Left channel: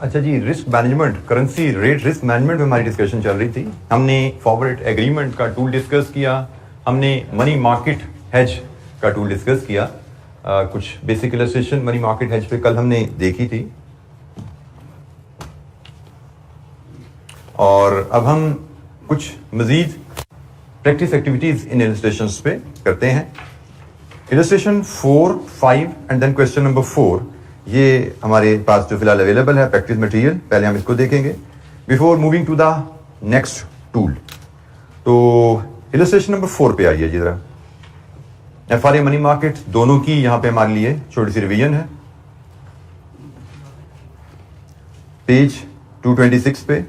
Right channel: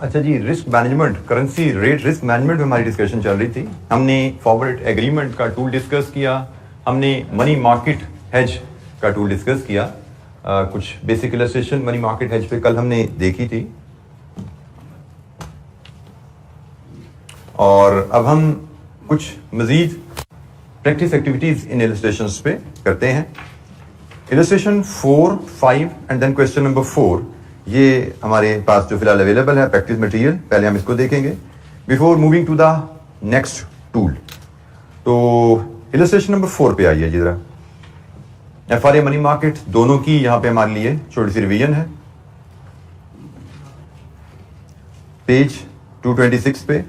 अच्छा जी, risk management, currency rate risk management में हमारी डिस्कशन चल रही थी। हमने फॉरवर्ड एग्रीमेंट का टूल डिस्कस किया, हमने मनी मार्केट हेज का टूल डिस्कस किया। कुछ basic illustration money market hedge पे कल हमने देखी थी, और अब हम कुछ मजीद प्रैक्टिस एक्टिविटीज इन इलस्ट्रेशंस पे करते हैं। Illustration 4, 5 and then question number 4 ये हमारे पास जो फिलहाल अवेलेबल है प्रैक्टिस मटेरियल। पहले हम इसको देखेंगे before moving to the next tool. तो इलस्ट्रेशन नंबर 4 पे आइए जी जरा। एफआरए मनी मार्केट दोनों की यहां पे हमारे लिए छोटी सी रिवीजन है। पेज 226 पे,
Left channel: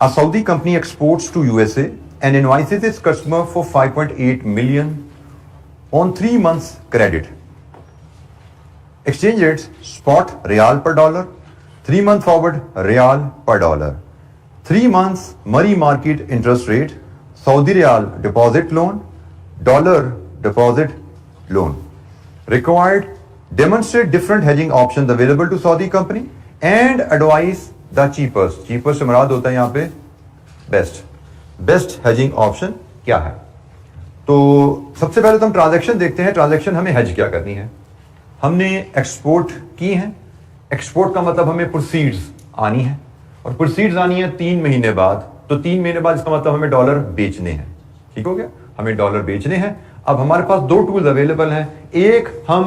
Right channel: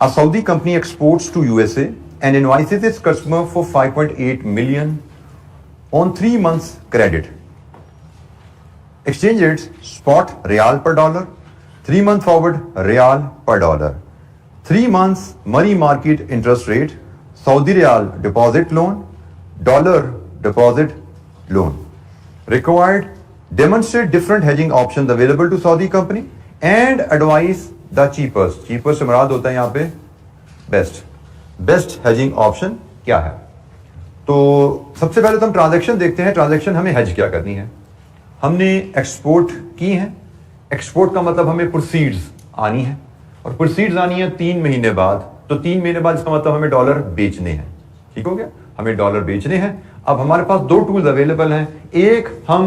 a Saudi company exports to USA and invoices its customer for 5.8 million on 3 months credit. Exchange rates spot real per dollar, 3 month forward real per dollar, 3 months money market interest rate, Saudi real deposit loan, dollar deposit loan. Required, demonstrate different hedging options available to Saudi company and advise the cheapest. Cheapest से मुराद होता है यहाँ पे best hedging option क्या है। तो सबसे पहले तो हम ट्रांजैक्शन देखते हैं। ट्रांजैक्शन हमें हेज क्या करनी है। हमने एक्सपोर्ट की है। एक्सपोर्ट का मतलब हमें प्रोसीड्स आनी है, और प्रोसीड्स आनी है 3 महीने बाद। तो 3 महीने बाद इसका मतलब हमें डॉलर बेचने हैं। ठीक हो गया, हमें डॉलर बेचने हैं। अब हमारे पास 2 टूल्स अवेलेबल हैं। एक, हम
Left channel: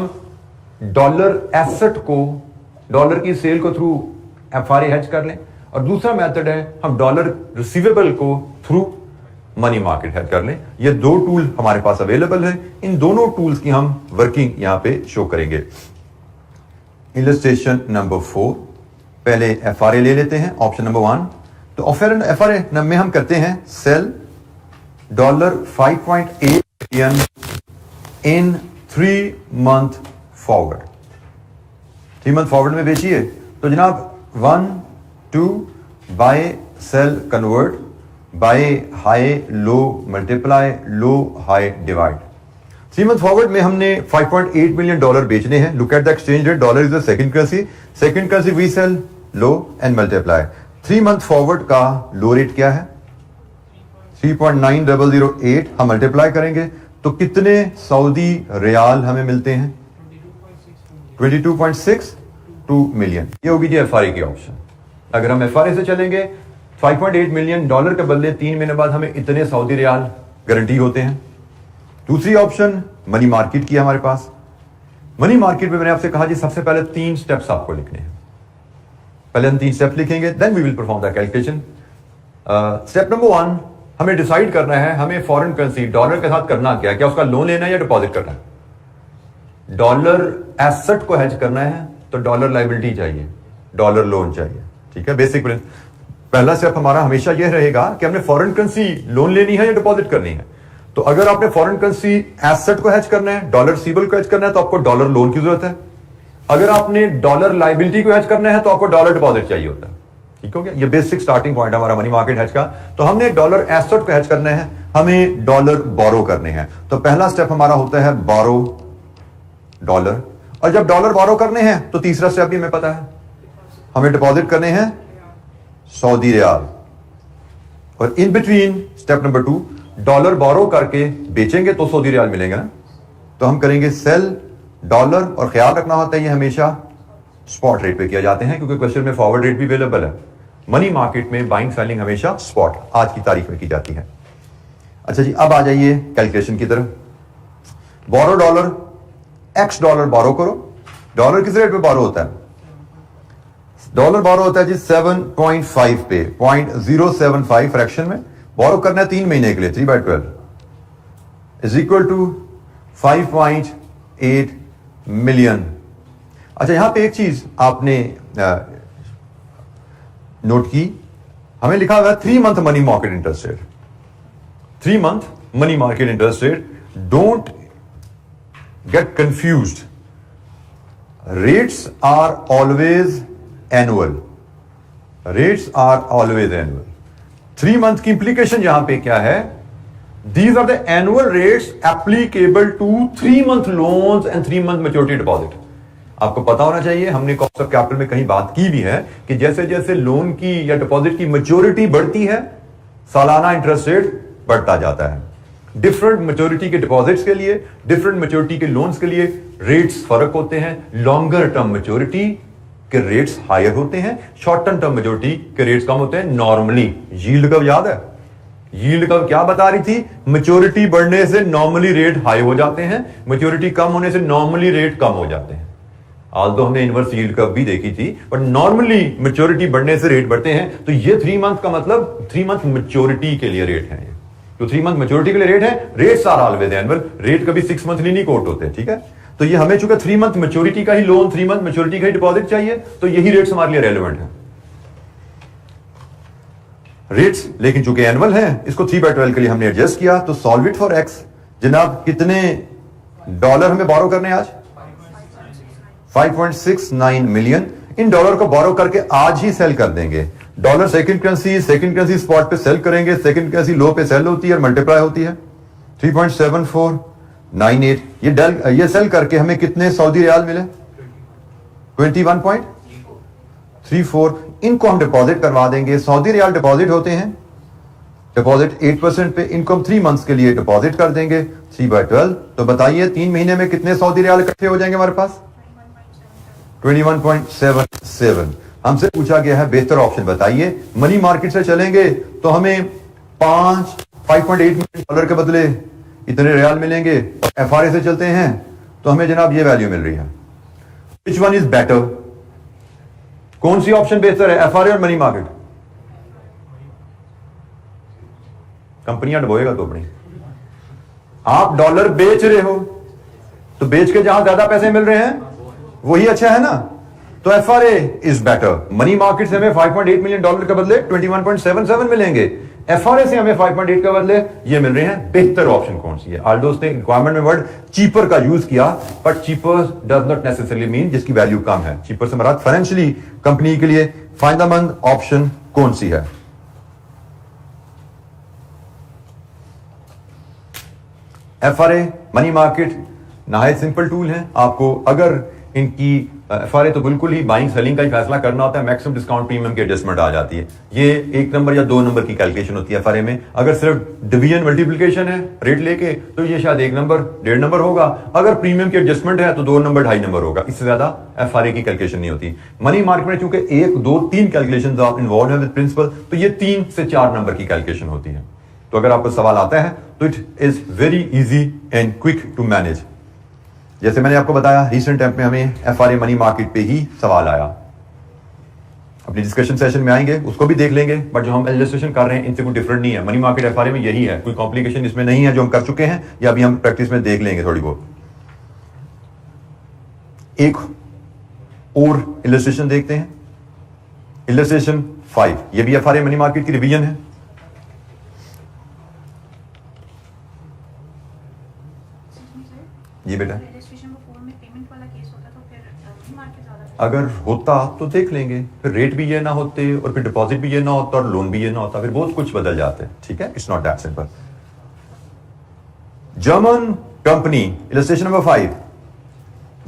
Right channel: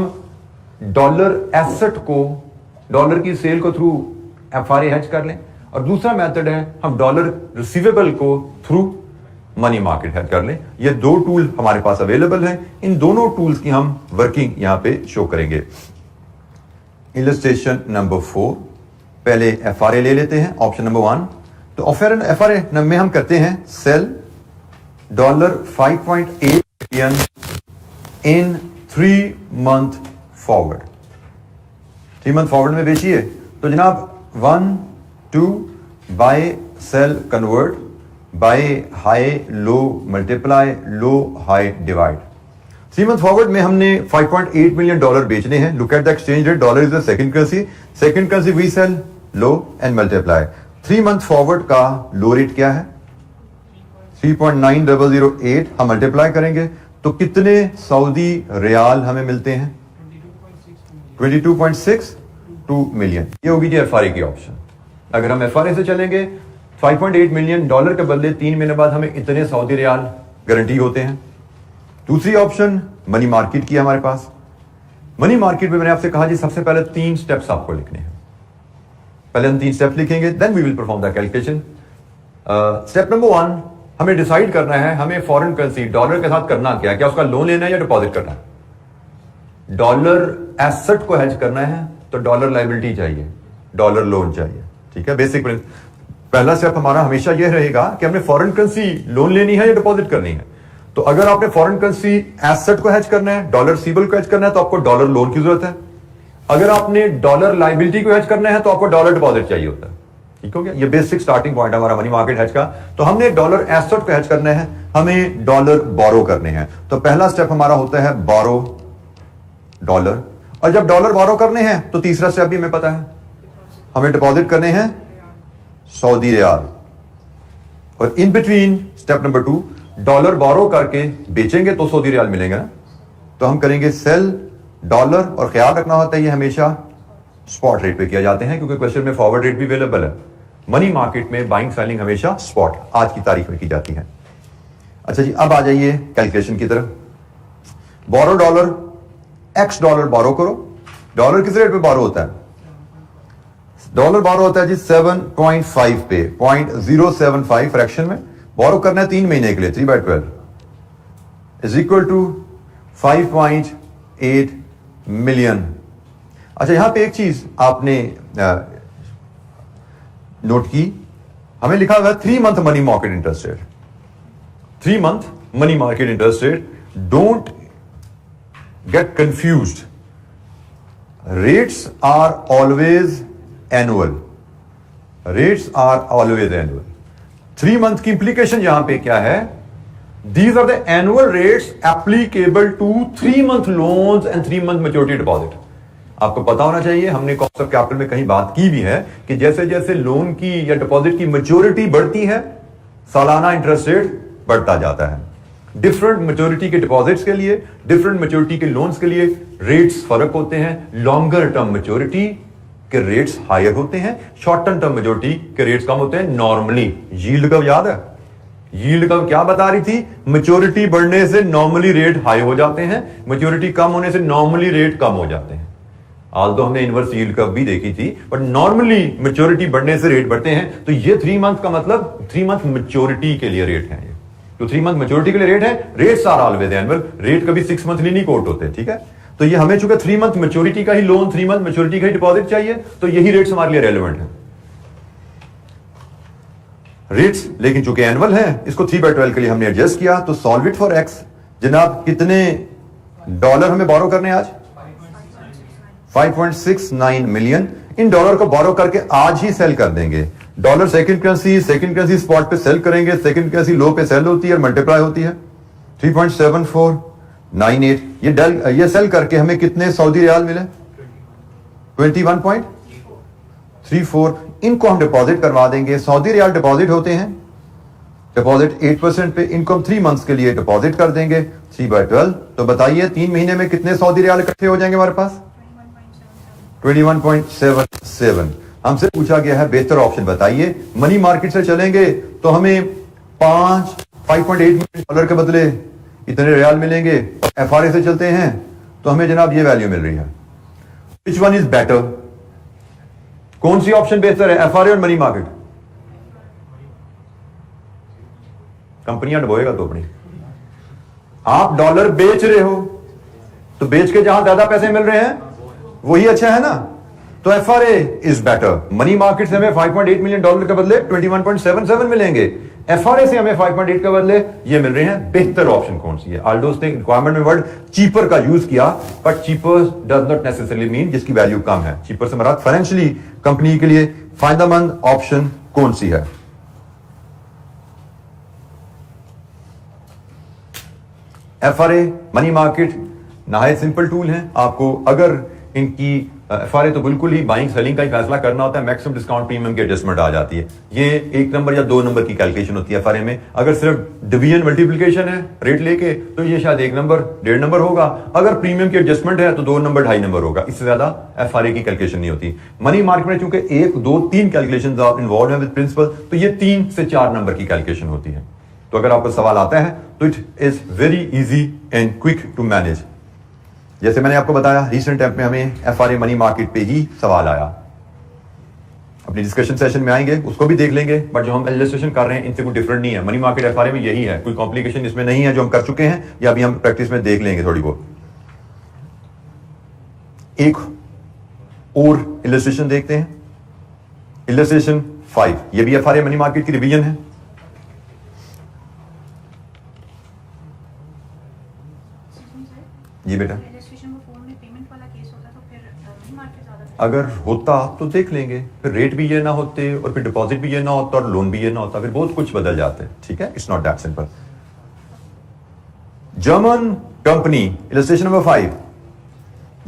डॉलर एसेट को, डॉलर की सेल को थ्रू एफआरए हेज कर लें, और दूसरा मेथड है हम डॉलर रिसीवेबल को थ्रू मनी मार्केट हेज कर लें। ये 2 टूल हमारे पास अवेलेबल हैं। इन दोनों टूल्स की हम वर्किंग यहां पे शो करेंगे। इलस्ट्रेशन नंबर 4, पहले एफआरए ले लेते हैं, ऑप्शन नंबर 1। तो एफआरए में हम करते हैं sell dollar 5.8 million in 3 month forward. 3 month forward में बेचिए। तो जनाब 1, 2 buy sell convert, buy high low multiply, low high divide. 3 month forward में हमने 5.8 मिलियन डॉलर बेचने हैं। Look at the exchange rate, dollar is the second currency we sell low and multiply. 3 month forward का low rate क्या है? 3.9008। हम multiply करेंगे तो कितने सऊदी रियाल हमें मिलते हैं? 22.62 मिलियन। ये होगी जी एफआरए की ऑप्शन। अगर हम एफआरए से चलेंगे 5.8 मिलियन डॉलर के बदले 3 महीने बाद हमें इतने सऊदी रियाल गारंटी होते हैं। दूसरी ऑप्शन मनी मार्केट की है हमारे पास। मनी मार्केट में मैंने आपसे कहा जी सबसे पहले 3 स्टेप्स आपको लिखने हैं। पहले हम 3 स्टेप्स लिखेंगे, then we will perform the calculation. Step number 1, हमें डिसाइड करना है हमें फॉरेन करेंसी डॉलर के साथ करना क्या है। क्या उसका लोन लेना है या डिपॉजिट करना है? डॉलर एसेट को हेज करना है तो डॉलर लायबिलिटी चाहिए, डॉलर लोन चाहिए। ठीक है, बेसिक पहला स्टेप हमारा हमेशा यह रहेगा कि हमने फॉरेन करेंसी लोन लेनी है या डिपॉजिट करनी है। तो अगर आपने फॉरेन करेंसी एसेट को हेज करना है, डॉलर रिसीवेबल को हेज करना है, तो आपको डॉलर लोन की जरूरत है। अगर आपने डॉलर लायबिलिटी को हेज करना है तो आपको डॉलर डिपॉजिट चाहिए होता है। ठीक हो गया, ये बेसिक स्टार्टिंग पॉइंट हमारा मनी मार्केट हेज का। तो हमने डॉलर एसेट को हेज करना है, हमें डॉलर बोरो करने हैं। तो पहला स्टेप हमारा होता है बोरो डॉलर, और जब डॉलर बोरो करने हैं तो तीसरा स्टेप भी हमें पता है, हमें डिपॉजिट करने हैं सऊदी रियाल। और in between step number 2, dollar borrow करके बेचेंगे तो सऊदी रियाल मिलेंगे ना। तो हम करेंगे सेल डॉलर, और ख्याल रखना होता है ये हमेशा स्पॉट रेट पे किया जाते हैं, क्योंकि क्वेश्चन में फॉरवर्ड रेट भी अवेलेबल है। मनी मार्केट में बाइंग सेलिंग हमेशा स्पॉट आज की तारीख में की जाती है। अच्छा जी, अब आ जाइए कैलकुलेशन की तरफ। बोरो डॉलर, एक्स डॉलर बोरो करो। डॉलर किस रेट पे बोरो होता है? डॉलर बोरो होता है जी 7.5 पे, 0.075 फ्रैक्शन में बोरो करना है 3 महीने के लिए। 3/12 इज इक्वल टू 5.8 मिलियन। अच्छा, यहां पे एक चीज आपने नोट की, हमें लिखा हुआ है 3 month money market interest rate. 3 month money market interest rate. Don't get confused, rates are always annual. Rates are always annual. 3 month की इंप्लीकेशन यहां पे क्या है? These are the annual rates applicable to 3 month loans and 3 month maturity deposit. आपको पता होना चाहिए, हमने कॉस्ट ऑफ कैपिटल में कहीं बात की भी है कि जैसे जैसे लोन की या डिपॉजिट की मैच्योरिटी बढ़ती है, सालाना इंटरेस्ट रेट बढ़ता जाता है। डिफरेंट मैच्योरिटी के डिपॉजिट्स के लिए, डिफरेंट मैच्योरिटी के लोन्स के लिए रेट्स फर्क होते हैं। लॉन्गर टर्म मैच्योरिटी के रेट्स हायर होते हैं, शॉर्ट टर्म मैच्योरिटी के रेट्स कम होते हैं नॉर्मली। यील्ड कर्व याद है? यील्ड कर्व क्या बता रही थी? मैच्योरिटी बढ़ने से नॉर्मली रेट हाई हो जाते हैं, मैच्योरिटी कम होने से नॉर्मली रेट कम हो जाते हैं। आज तो हमने इनवर्स यील्ड कर्व भी देखी थी, बट नॉर्मली मैच्योरिटी बढ़ने से रेट बढ़ते हैं। तो ये 3 मंथ का मतलब 3 मंथ मैच्योरिटी के लिए रेट है। तो 3 मंथ मैच्योरिटी के लिए रेट है। Rates are always annual, rate कभी 6 मंथली नहीं कोट होते, ठीक है। तो ये हमें चूंकि 3 मंथ मैच्योरिटी का ही लोन, 3 मंथ मैच्योरिटी का ही डिपॉजिट चाहिए, तो यही रेट्स हमारे लिए रेलेवेंट है। रेट्स लेकिन चूंकि एनुअल है, इसको 3/12 के लिए हमने एडजस्ट किया। तो सॉल्व इट फॉर एक्स। जनाब कितने डॉलर हमें बोरो करने आज? 5.69 मिलियन। इन डॉलर को बोरो करके आज ही सेल कर देंगे। डॉलर सेकंड करेंसी स्पॉट पे सेल करेंगे, सेकंड करेंसी लो पे सेल होती है और मल्टीप्लाई होती है। 3.7498 ये सेल करके हमें कितने सऊदी रियाल मिले? 21.34। इनको हम डिपॉजिट करवा देंगे। सऊदी रियाल डिपॉजिट होते हैं, डिपॉजिट 8% पे, इनको हम 3 मंथ्स के लिए डिपॉजिट कर देंगे 3/12। तो बताइए 3 महीने में कितने सऊदी रियाल इकट्ठे हो जाएंगे हमारे पास? 21.77। हमसे पूछा गया है बेहतर ऑप्शन बताइए। मनी मार्केट से चलेंगे तो हमें 5.8 मिलियन डॉलर के बदले इतने रियाल मिलेंगे। एफआरए से चलते हैं तो हमें जनाब ये वैल्यू मिल रही है। Which one is better? कौन सी ऑप्शन बेहतर है, एफआरए और मनी मार्केट? कंपनियां डुबोएगा तो अपनी। आप डॉलर बेच रहे हो तो बेच के जहां ज्यादा पैसे मिल रहे हैं वही अच्छा है ना। तो FRA is better. Money market से हमें 5.8 मिलियन डॉलर के बदले 21.77 मिलेंगे। एफआरए से हमें 5.8 के बदले ये मिल रहे हैं। बेहतर ऑप्शन कौन सी है? आल्डोस ने रिक्वायरमेंट में वर्ड चीपर का यूज किया, but cheaper does not necessarily mean जिसकी वैल्यू कम है। चीपर से मराद फाइनेंशियली कंपनी के लिए फायदेमंद ऑप्शन कौन सी है? एफआरए, मनी मार्केट नहायत सिंपल टूल है। आपको अगर इनकी एफआरए तो बिल्कुल ही बाइंग सेलिंग का ही फैसला करना होता है, मैक्सिमम डिस्काउंट प्रीमियम की एडजस्टमेंट आ जाती है। ये 1 नंबर या 2 नंबर की कैलकुलेशन होती है एफआरए में। अगर सिर्फ डिवीजन मल्टीप्लिकेशन है रेट लेके तो ये शायद 1 नंबर 1.5 नंबर होगा। अगर प्रीमियम की एडजस्टमेंट है तो 2 नंबर 2.5 नंबर होगा। इससे ज्यादा एफआरए की कैलकुलेशन नहीं होती। मनी मार्केट में चूंकि 1, 2, 3 कैलकुलेशन इन्वॉल्व है विद प्रिंसिपल, तो ये 3 से 4 नंबर की कैलकुलेशन होती है। तो अगर आपको सवाल आता है तो it is very easy and quick to manage. जैसे मैंने आपको बताया रिसेंट टाइम में हमें एफआरए मनी मार्केट पे ही सवाल आया। अपनी डिस्कशन सेशन में आएंगे, उसको भी देख लेंगे, बट जो हम इलस्ट्रेशन कर रहे हैं इनसे कोई डिफरेंट नहीं है। मनी मार्केट एफआरए में यही है, कोई कॉम्प्लिकेशन इसमें नहीं है जो हम कर चुके हैं या अभी हम प्रैक्टिस में देख लेंगे थोड़ी बहुत। एक और इलस्ट्रेशन देखते हैं, इलस्ट्रेशन 5। ये भी एफआरए मनी मार्केट की रिवीजन है। जी बेटा, अगर होता तो देख लेंगे, फिर रेट भी ये ना होते और फिर डिपॉजिट भी ये ना होता और लोन भी ये ना होता, फिर बहुत कुछ बदल जाते हैं। ठीक है, it's not that simple. German company, illustration number 5।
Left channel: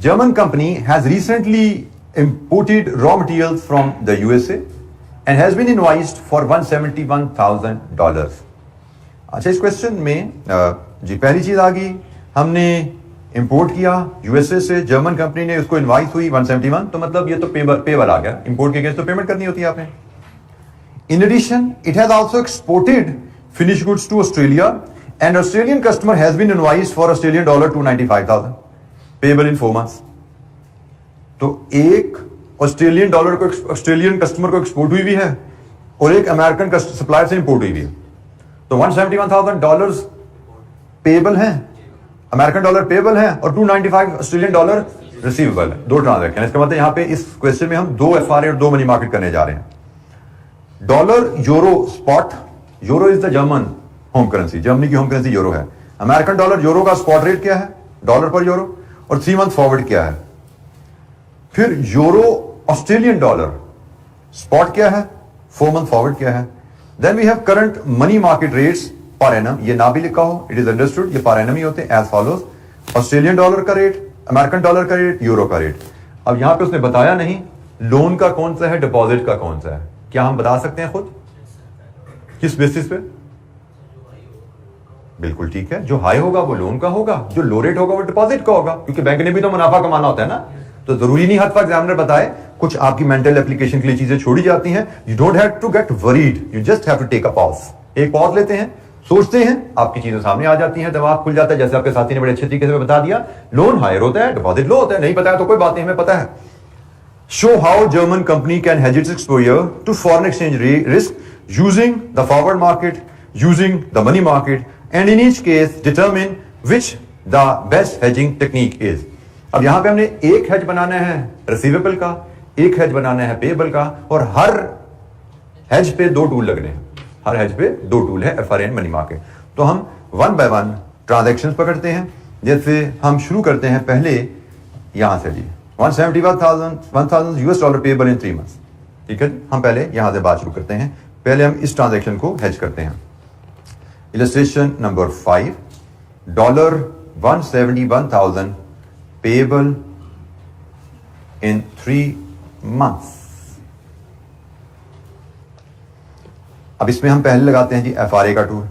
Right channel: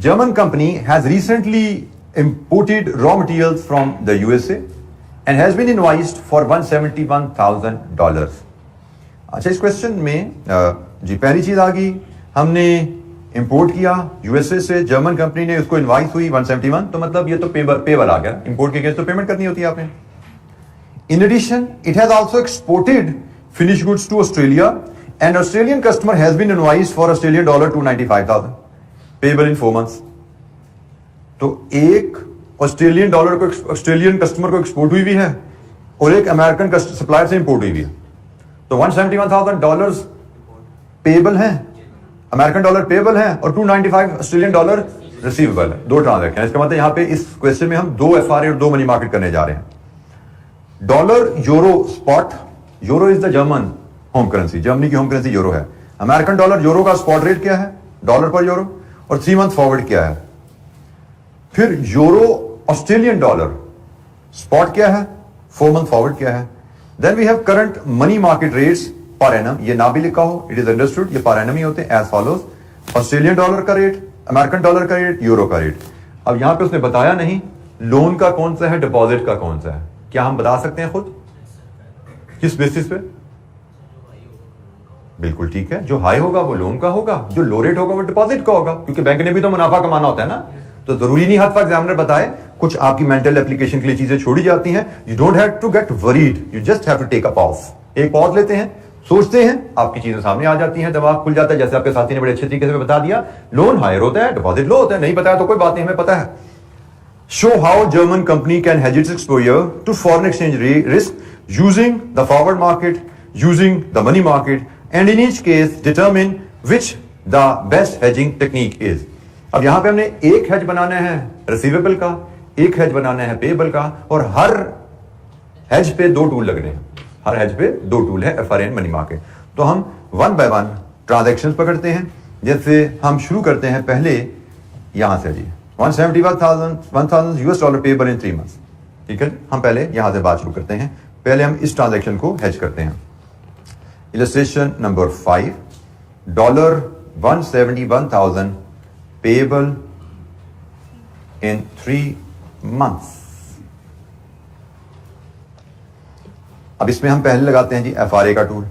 German company has recently imported raw materials from the USA and has been invoiced for $171,000। अच्छा, इस क्वेश्चन में जी पहली चीज आ गई, हमने इंपोर्ट किया यूएसए से, जर्मन कंपनी ने उसको इनवाइस हुई 171, तो मतलब ये तो पेबल आ गया। इंपोर्ट के अगेंस्ट तो पेमेंट करनी होती है आपने। In addition it has also exported finish goods to Australia and Australian customer has been invoiced for $295,000 payable in 4 months. तो एक ऑस्ट्रेलियन डॉलर को ऑस्ट्रेलियन कस्टमर को एक्सपोर्ट हुई भी है और एक अमेरिकन सप्लायर से इंपोर्ट हुई भी है। तो $171,000 पेबल है, अमेरिकन डॉलर पेबल है और $295 ऑस्ट्रेलियन डॉलर रिसीवेबल है। 2 ट्रांजैक्शन। इसका मतलब यहां पे इस क्वेश्चन में हम 2 एफआरए और 2 मनी मार्केट करने जा रहे हैं। Dollar euro spot, euro is the German home currency, Germany की होम करेंसी यूरो है। अमेरिकन डॉलर यूरो का स्पॉट रेट क्या है डॉलर पर यूरो, और 3 मंथ फॉरवर्ड क्या है। फिर यूरो ऑस्ट्रेलियन डॉलर स्पॉट क्या है, 4 मंथ फॉरवर्ड क्या है। Then we have current money market rates पर एनम, ये ना भी लिखा हो इट इज अंडरस्टूड, ये पर एनम ही होते हैं एज फॉलोज। ऑस्ट्रेलियन डॉलर का रेट, अमेरिकन डॉलर का रेट, यूरो का रेट। अब यहां पे उसने बताया नहीं लोन का कौन सा है, डिपॉजिट का कौन सा है। क्या हम बता सकते हैं खुद किस बेसिस पे? बिल्कुल ठीक है, जो हाई होगा वो लोन का होगा, जो लो रेट होगा वो डिपॉजिट का होगा, क्योंकि बैंक ने भी तो मुनाफा कमाना होता है ना। तो जरूरी नहीं हर वक्त एग्जामिनर बताए, कुछ आपकी मेंटल एप्लीकेशन के लिए चीजें छोड़ी जाती हैं। You don't have to get worried, you just have to take a pause. एक पॉज लेते हैं, सोचते हैं, आपकी चीजें सामने आ जाती हैं, दिमाग खुल जाता है। जैसे आपके साथी ने बड़े अच्छे तरीके से बता दिया, लोन हायर होता है, डिपॉजिट लो होता है। नहीं पता है तो कोई बात नहीं, हमें पता है। Show how German company can hedge its exposure to foreign exchange risk using the forward market, using the money market, and in each case determine which the best hedging technique is. अब यहां पे हमने एक hedge बनाना है receivable का, एक hedge बनाना है payable का, और हर हेज पे 2 टूल लग रहे हैं। हर हेज पे 2 टूल है, एफआरएन, मनी मार्केट। तो हम 1 बाय 1 ट्रांजैक्शंस पकड़ते हैं। जैसे हम शुरू करते हैं पहले यहां से जी, 171,000 यूएस डॉलर पेएबल इन 3 मंथ्स। ठीक है, हम पहले यहां से बात शुरू करते हैं। पहले हम इस ट्रांजैक्शन को हेज करते हैं। इलस्ट्रेशन नंबर 5, $171,000 पेएबल इन 3 मंथ्स। अब इसमें हम पहले लगाते हैं जी एफआरए का टूल।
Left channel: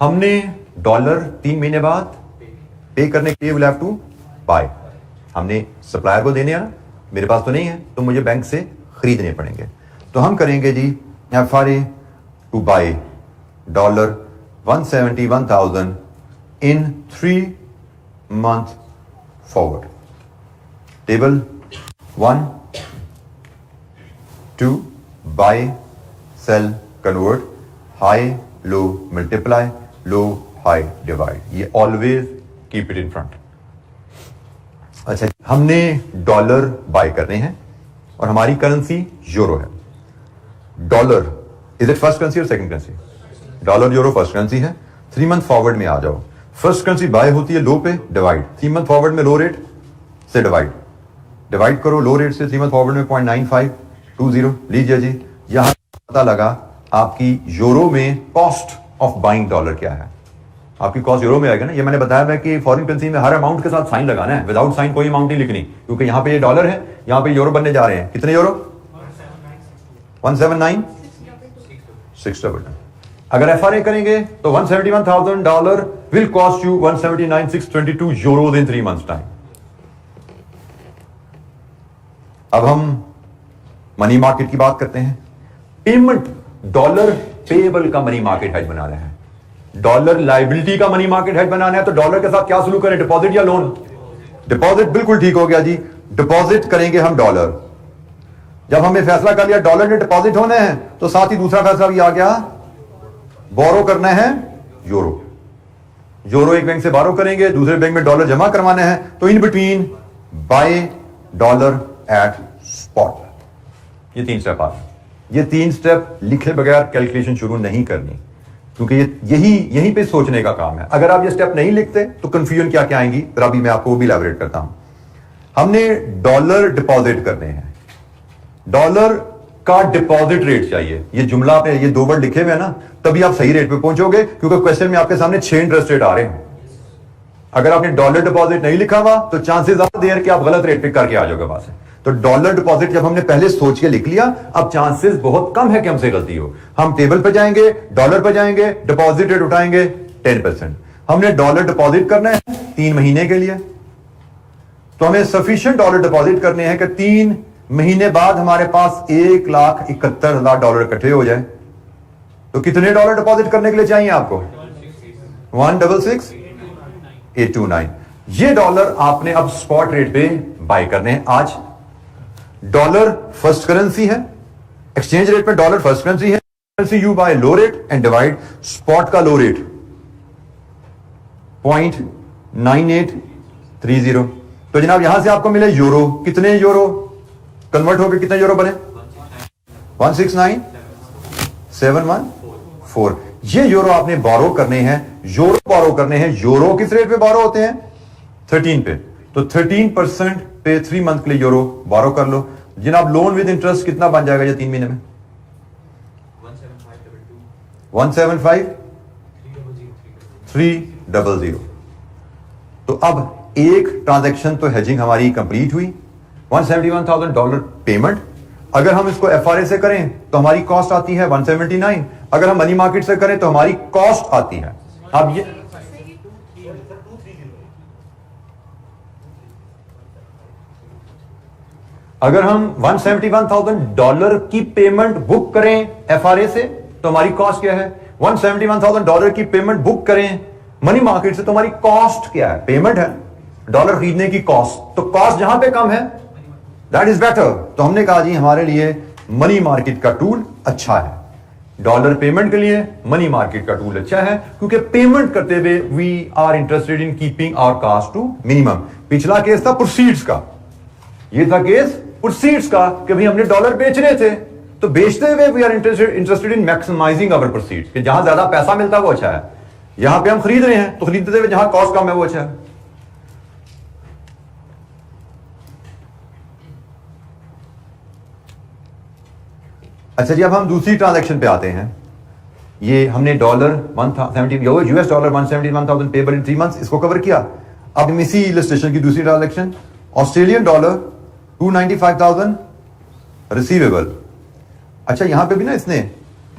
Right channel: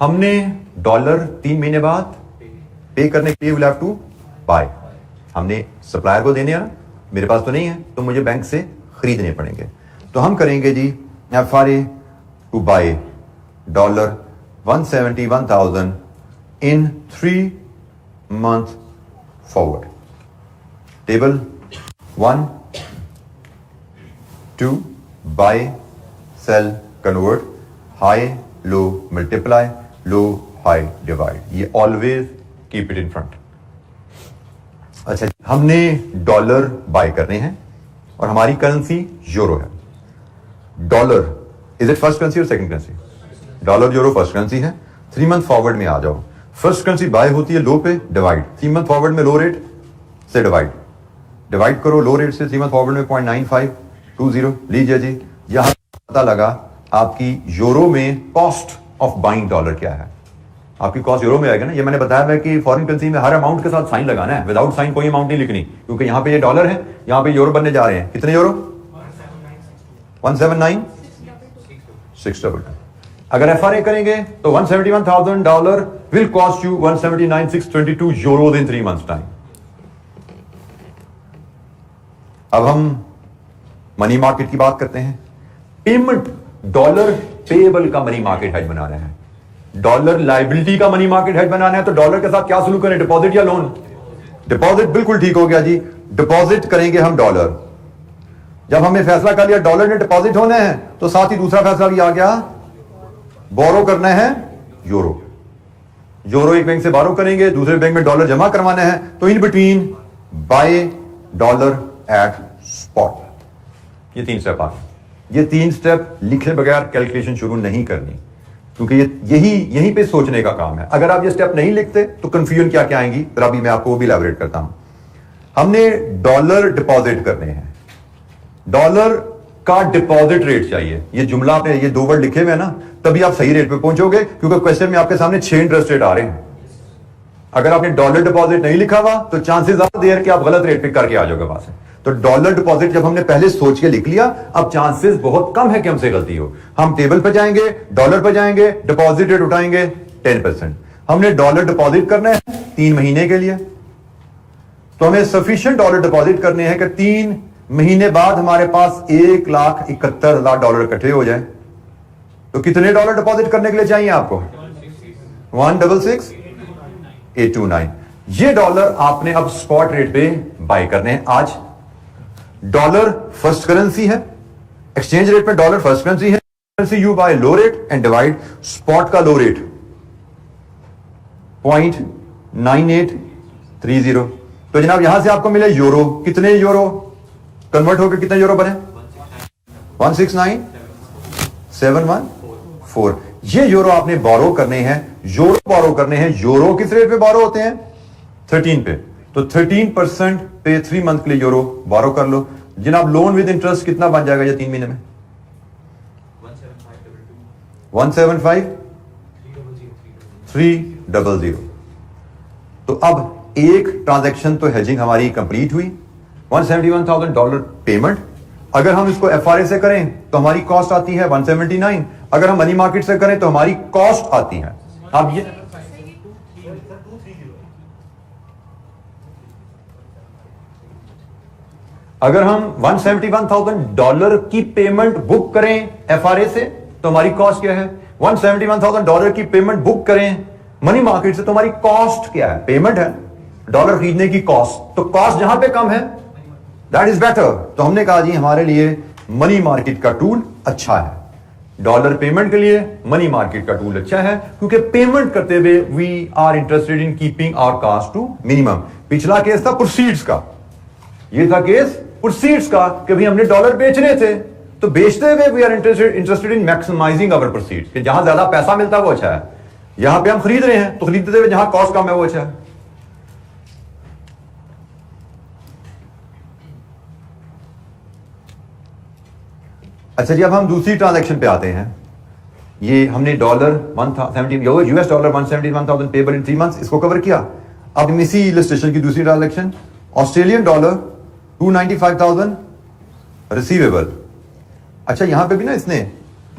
हमने डॉलर 3 महीने बाद पे करने के लिए विल हैव टू बाय। हमने सप्लायर को देने हैं ना, मेरे पास तो नहीं है, तो मुझे बैंक से खरीदने पड़ेंगे। तो हम करेंगे जी FRA to buy $171,000 in 3 month forward. Table 1, 2 buy, sell, convert, high low multiply, low high divide. ये always keep it in front. अच्छा, हमने डॉलर बाय करने हैं और हमारी करेंसी यूरो है। Dollar is it first currency और second currency? Dollar euro first currency है। 3 मंथ फॉरवर्ड में आ जाओ। फर्स्ट करेंसी बाय होती है लो पे, डिवाइड। 3 मंथ फॉरवर्ड में लो रेट से डिवाइड करो लो रेट से। 3 मंथ फॉरवर्ड में 0.9520 लीजिए जी। यहां पता लगा आपकी यूरो में कॉस्ट ऑफ बाइंग डॉलर क्या है। आपकी कॉस्ट यूरो में आएगा ना। ये मैंने बताया है कि फॉरेन करेंसी में हर अमाउंट के साथ साइन लगाना है, विदाउट साइन कोई अमाउंट नहीं लिखनी, क्योंकि यहां पे ये डॉलर है, यहां पे यूरो बनने जा रहे हैं। कितने यूरो? 179,622। अगर एफआरए करेंगे तो $171,000 will cost you 179,622 euro in 3 months time. अब हम मनी मार्केट की बात करते हैं। पेमेंट डॉलर पेएबल का मनी मार्केट हेज बना रहे हैं, डॉलर लायबिलिटी का मनी मार्केट हेज बनाना है, तो डॉलर के साथ क्या सलूक करें, डिपॉजिट या लोन? डिपॉजिट, बिल्कुल ठीक हो गया जी। डिपॉजिट करेंगे हम डॉलर। जब हमने फैसला कर लिया डॉलर ने डिपॉजिट होने हैं, तो साथ ही दूसरा फैसला भी आ गया, बोरो करना है यूरो। यूरो एक बैंक से बोरो करेंगे, दूसरे बैंक में डॉलर जमा करवाने हैं, तो in between buy dollar at spot. ये 3 स्टेप आ गए। ये 3 स्टेप लिखे बगैर कैलकुलेशन शुरू नहीं करनी, क्योंकि यही पे सोचने का काम है। अगर आप ये स्टेप नहीं लिखते तो कंफ्यूजन क्या क्या आएंगी, फिर अभी मैं आपको वो भी इलैबोरेट करता हूं। हमने डॉलर डिपॉजिट करने हैं, डॉलर का डिपॉजिट रेट चाहिए। ये जुमला आपने ये 2 वर्ड लिखे हुए हैं ना, तभी आप सही रेट पे पहुंचोगे, क्योंकि क्वेश्चन में आपके सामने 6 इंटरेस्ट रेट आ रहे हैं। अगर आपने डॉलर डिपॉजिट नहीं लिखा हुआ तो चांसेस ज्यादा देर कि आप गलत रेट पे करके आ जाओगे वहां से। तो डॉलर डिपॉजिट जब हमने पहले सोच के लिख लिया, अब चांसेस बहुत कम है कि हमसे गलती हो। हम टेबल पे जाएंगे, डॉलर पे जाएंगे, डिपॉजिट रेट उठाएंगे 10%। हमने डॉलर डिपॉजिट करना है 3 महीने के लिए, तो हमें सफिशिएंट डॉलर डिपॉजिट करने हैं कि 3 महीने बाद हमारे पास $1,71,000 इकट्ठे हो जाए। तो कितने डॉलर डिपॉजिट करने के लिए चाहिए आपको? 166,829। ये डॉलर आपने अब स्पॉट रेट पे बाय करने हैं आज। डॉलर फर्स्ट करेंसी है, एक्सचेंज रेट में डॉलर फर्स्ट करेंसी है, currency you buy low rate and divide spot का लो रेट 0.9830। तो जनाब यहां से आपको मिले यूरो। कितने यूरो कन्वर्ट होकर कितने यूरो बने? 169,714। ये यूरो आपने बोरो करने हैं, यूरो बोरो करने हैं। यूरो किस रेट पे बोरो होते हैं? 13 पे। तो 13% पे 3 मंथ के लिए यूरो बोरो कर लो। जनाब लोन विद इंटरेस्ट कितना बन जाएगा ये 3 महीने में? 175,300। तो अब एक ट्रांजैक्शन तो हेजिंग हमारी कंप्लीट हुई। $171,000 पेमेंट। अगर हम इसको FRA से करें तो हमारी कॉस्ट आती है 179। अगर हम मनी मार्केट से करें तो हमारी कॉस्ट आती है, अब ये अगर हम $171,000 की पेमेंट बुक करें FRA से तो हमारी कॉस्ट क्या है, $171,000 की पेमेंट बुक करें मनी मार्केट से तो हमारी कॉस्ट क्या है, पेमेंट है, डॉलर खरीदने की कॉस्ट, तो कॉस्ट जहां पे कम है दैट इज बेटर। तो हमने कहा जी हमारे लिए मनी मार्केट का टूल अच्छा है, डॉलर पेमेंट के लिए मनी मार्केट का टूल अच्छा है, क्योंकि पेमेंट करते हुए we are interested in keeping our cost to minimum. पिछला केस था प्रोसीड्स का, ये था केस प्रोसीड्स का कि भाई हमने डॉलर बेचने थे, तो बेचते हुए we are interested in maximising our proceeds, कि जहां ज्यादा पैसा मिलता है वो अच्छा है, यहां पे हम खरीद रहे हैं तो खरीदते हुए जहां कॉस्ट कम है वो अच्छा है। अच्छा जी, अब हम दूसरी ट्रांजैक्शन पे आते हैं। ये हमने US dollar 171,000 payable in 3 months, इसको कवर किया। अब हम इसी इलस्ट्रेशन की दूसरी ट्रांजैक्शन, ऑस्ट्रेलियन डॉलर 295,000 रिसीवेबल। अच्छा, यहां पे भी ना इसने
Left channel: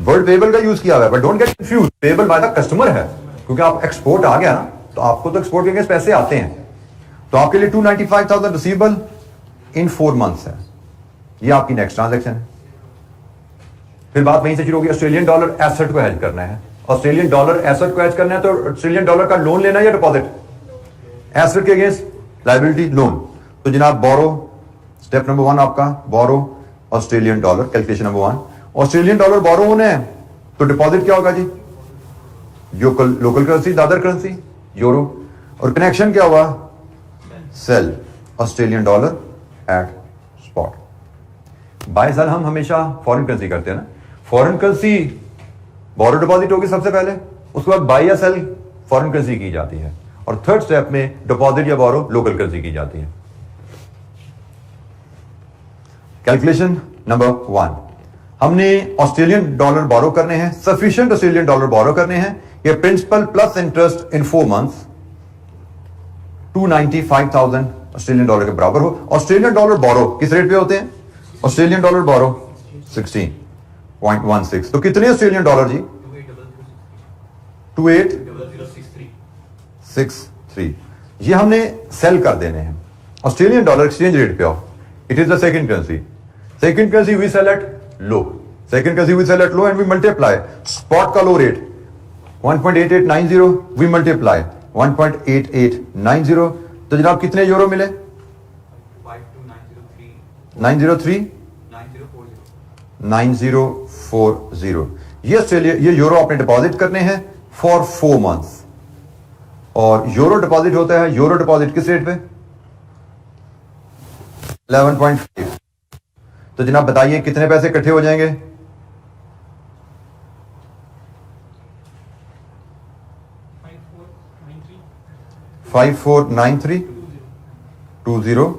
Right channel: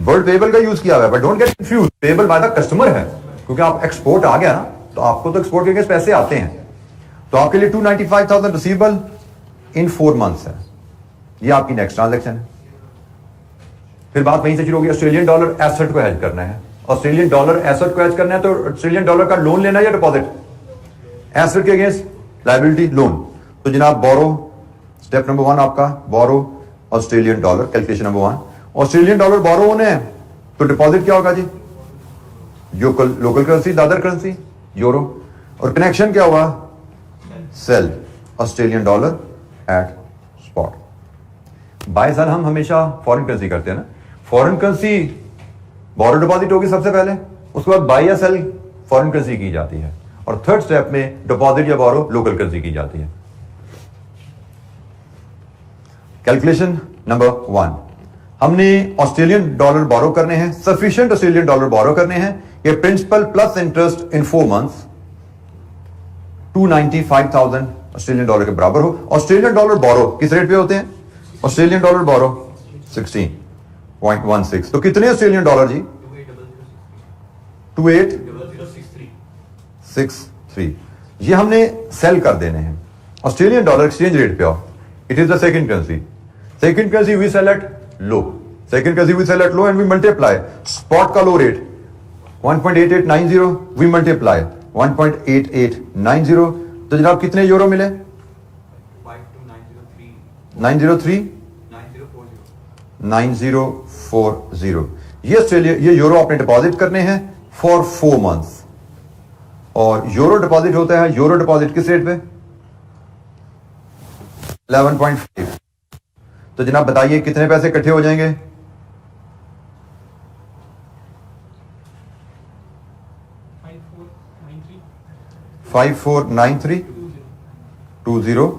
वर्ड पेबल का यूज किया हुआ है, but don't get confuse, payable by the customer है, क्योंकि आप एक्सपोर्ट आ गया ना तो आपको तो एक्सपोर्ट के अगेंस्ट पैसे आते हैं, तो आपके लिए 295,000 रिसीवेबल इन 4 मंथ्स है। ये आपकी नेक्स्ट ट्रांजैक्शन है। फिर बात वहीं से शुरू होगी, ऑस्ट्रेलियन डॉलर एसेट को हेज करना है, ऑस्ट्रेलियन डॉलर एसेट को हेज करना है, तो ऑस्ट्रेलियन डॉलर का लोन लेना है या डिपॉजिट, एसेट के अगेंस्ट लायबिलिटी लोन। तो जनाब बोरो, स्टेप नंबर 1 आपका borrow Australian dollar, calculation number 1, Australian dollar borrow होने हैं तो डिपॉजिट क्या होगा जी, local currency, other currency euro, और कनेक्शन क्या हुआ, sell Australian dollar at spot. Buy sell हम हमेशा फॉरेन करेंसी करते हैं ना, फॉरेन करेंसी बोरो डिपॉजिट होगी सबसे पहले, उसके बाद बाय या सेल फॉरेन करेंसी की जाती है, और थर्ड स्टेप में डिपॉजिट या बोरो लोकल करेंसी की जाती है। कैलकुलेशन नंबर 1, हमने ऑस्ट्रेलियन डॉलर बोरो करने हैं, सफिशिएंट ऑस्ट्रेलियन डॉलर बोरो करने हैं, ये principal plus interest in 4 months 295,000 Australian dollar के बराबर हो। ऑस्ट्रेलियन डॉलर बोरो किस रेट पे होते हैं, ऑस्ट्रेलियन डॉलर बोरो 16.16, तो कितने ऑस्ट्रेलियन डॉलर जी, 2863, ये हमने सेल कर देने हैं ऑस्ट्रेलियन डॉलर एक्सचेंज रेट पे हो, it is the second currency, second currency we sell at low, second currency we sell at low and we multiply spot का low rate 1.8890, we multiply 1.8890, तो जनाब कितने यूरो मिले, 9040, ये ऑस्ट्रेलिया, ये euro आपने डिपॉजिट करने हैं फॉर 4 मंथ्स, और यूरो डिपॉजिट होता है, यूरो डिपॉजिट किस रेट पे, 11.5, तो जनाब बताइए कितने पैसे इकट्ठे हो जाएंगे, 549320,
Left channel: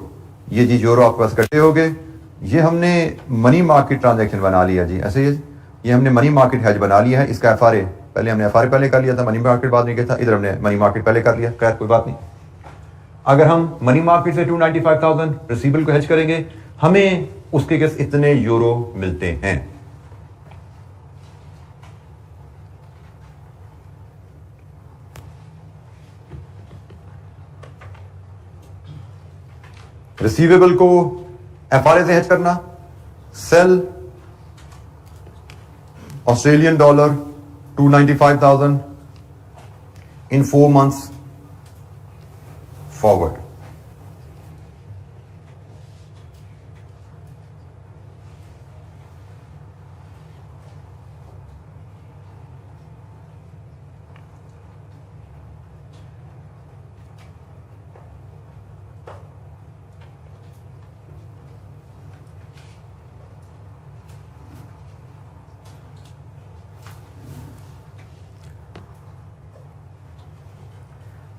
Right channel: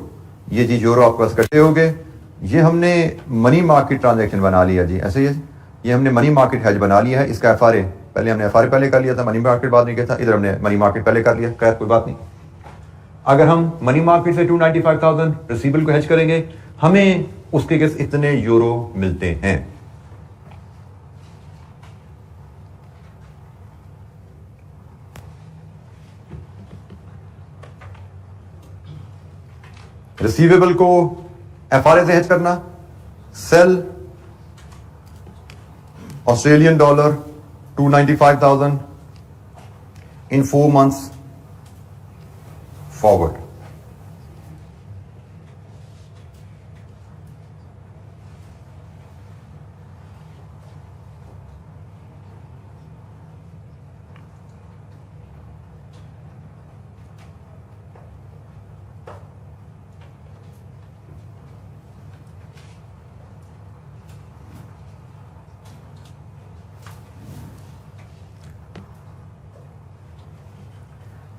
ये जी यूरो आपके पास इकट्ठे हो गए। ये हमने मनी मार्केट ट्रांजैक्शन बना लिया जी, ऐसे ही ये हमने मनी मार्केट हेज बना लिया है। इसका FRA पहले हमने FRA पहले कर लिया था, मनी मार्केट बाद में किया था, इधर हमने मनी मार्केट पहले कर लिया, खैर कोई बात नहीं। अगर हम मनी मार्केट से 295,000 रिसीवेबल को हेज करेंगे, हमें उसके केस इतने यूरो मिलते हैं। रिसीवेबल को FRA से हेज करना, sell Australian dollar 295,000 in 4 months forward.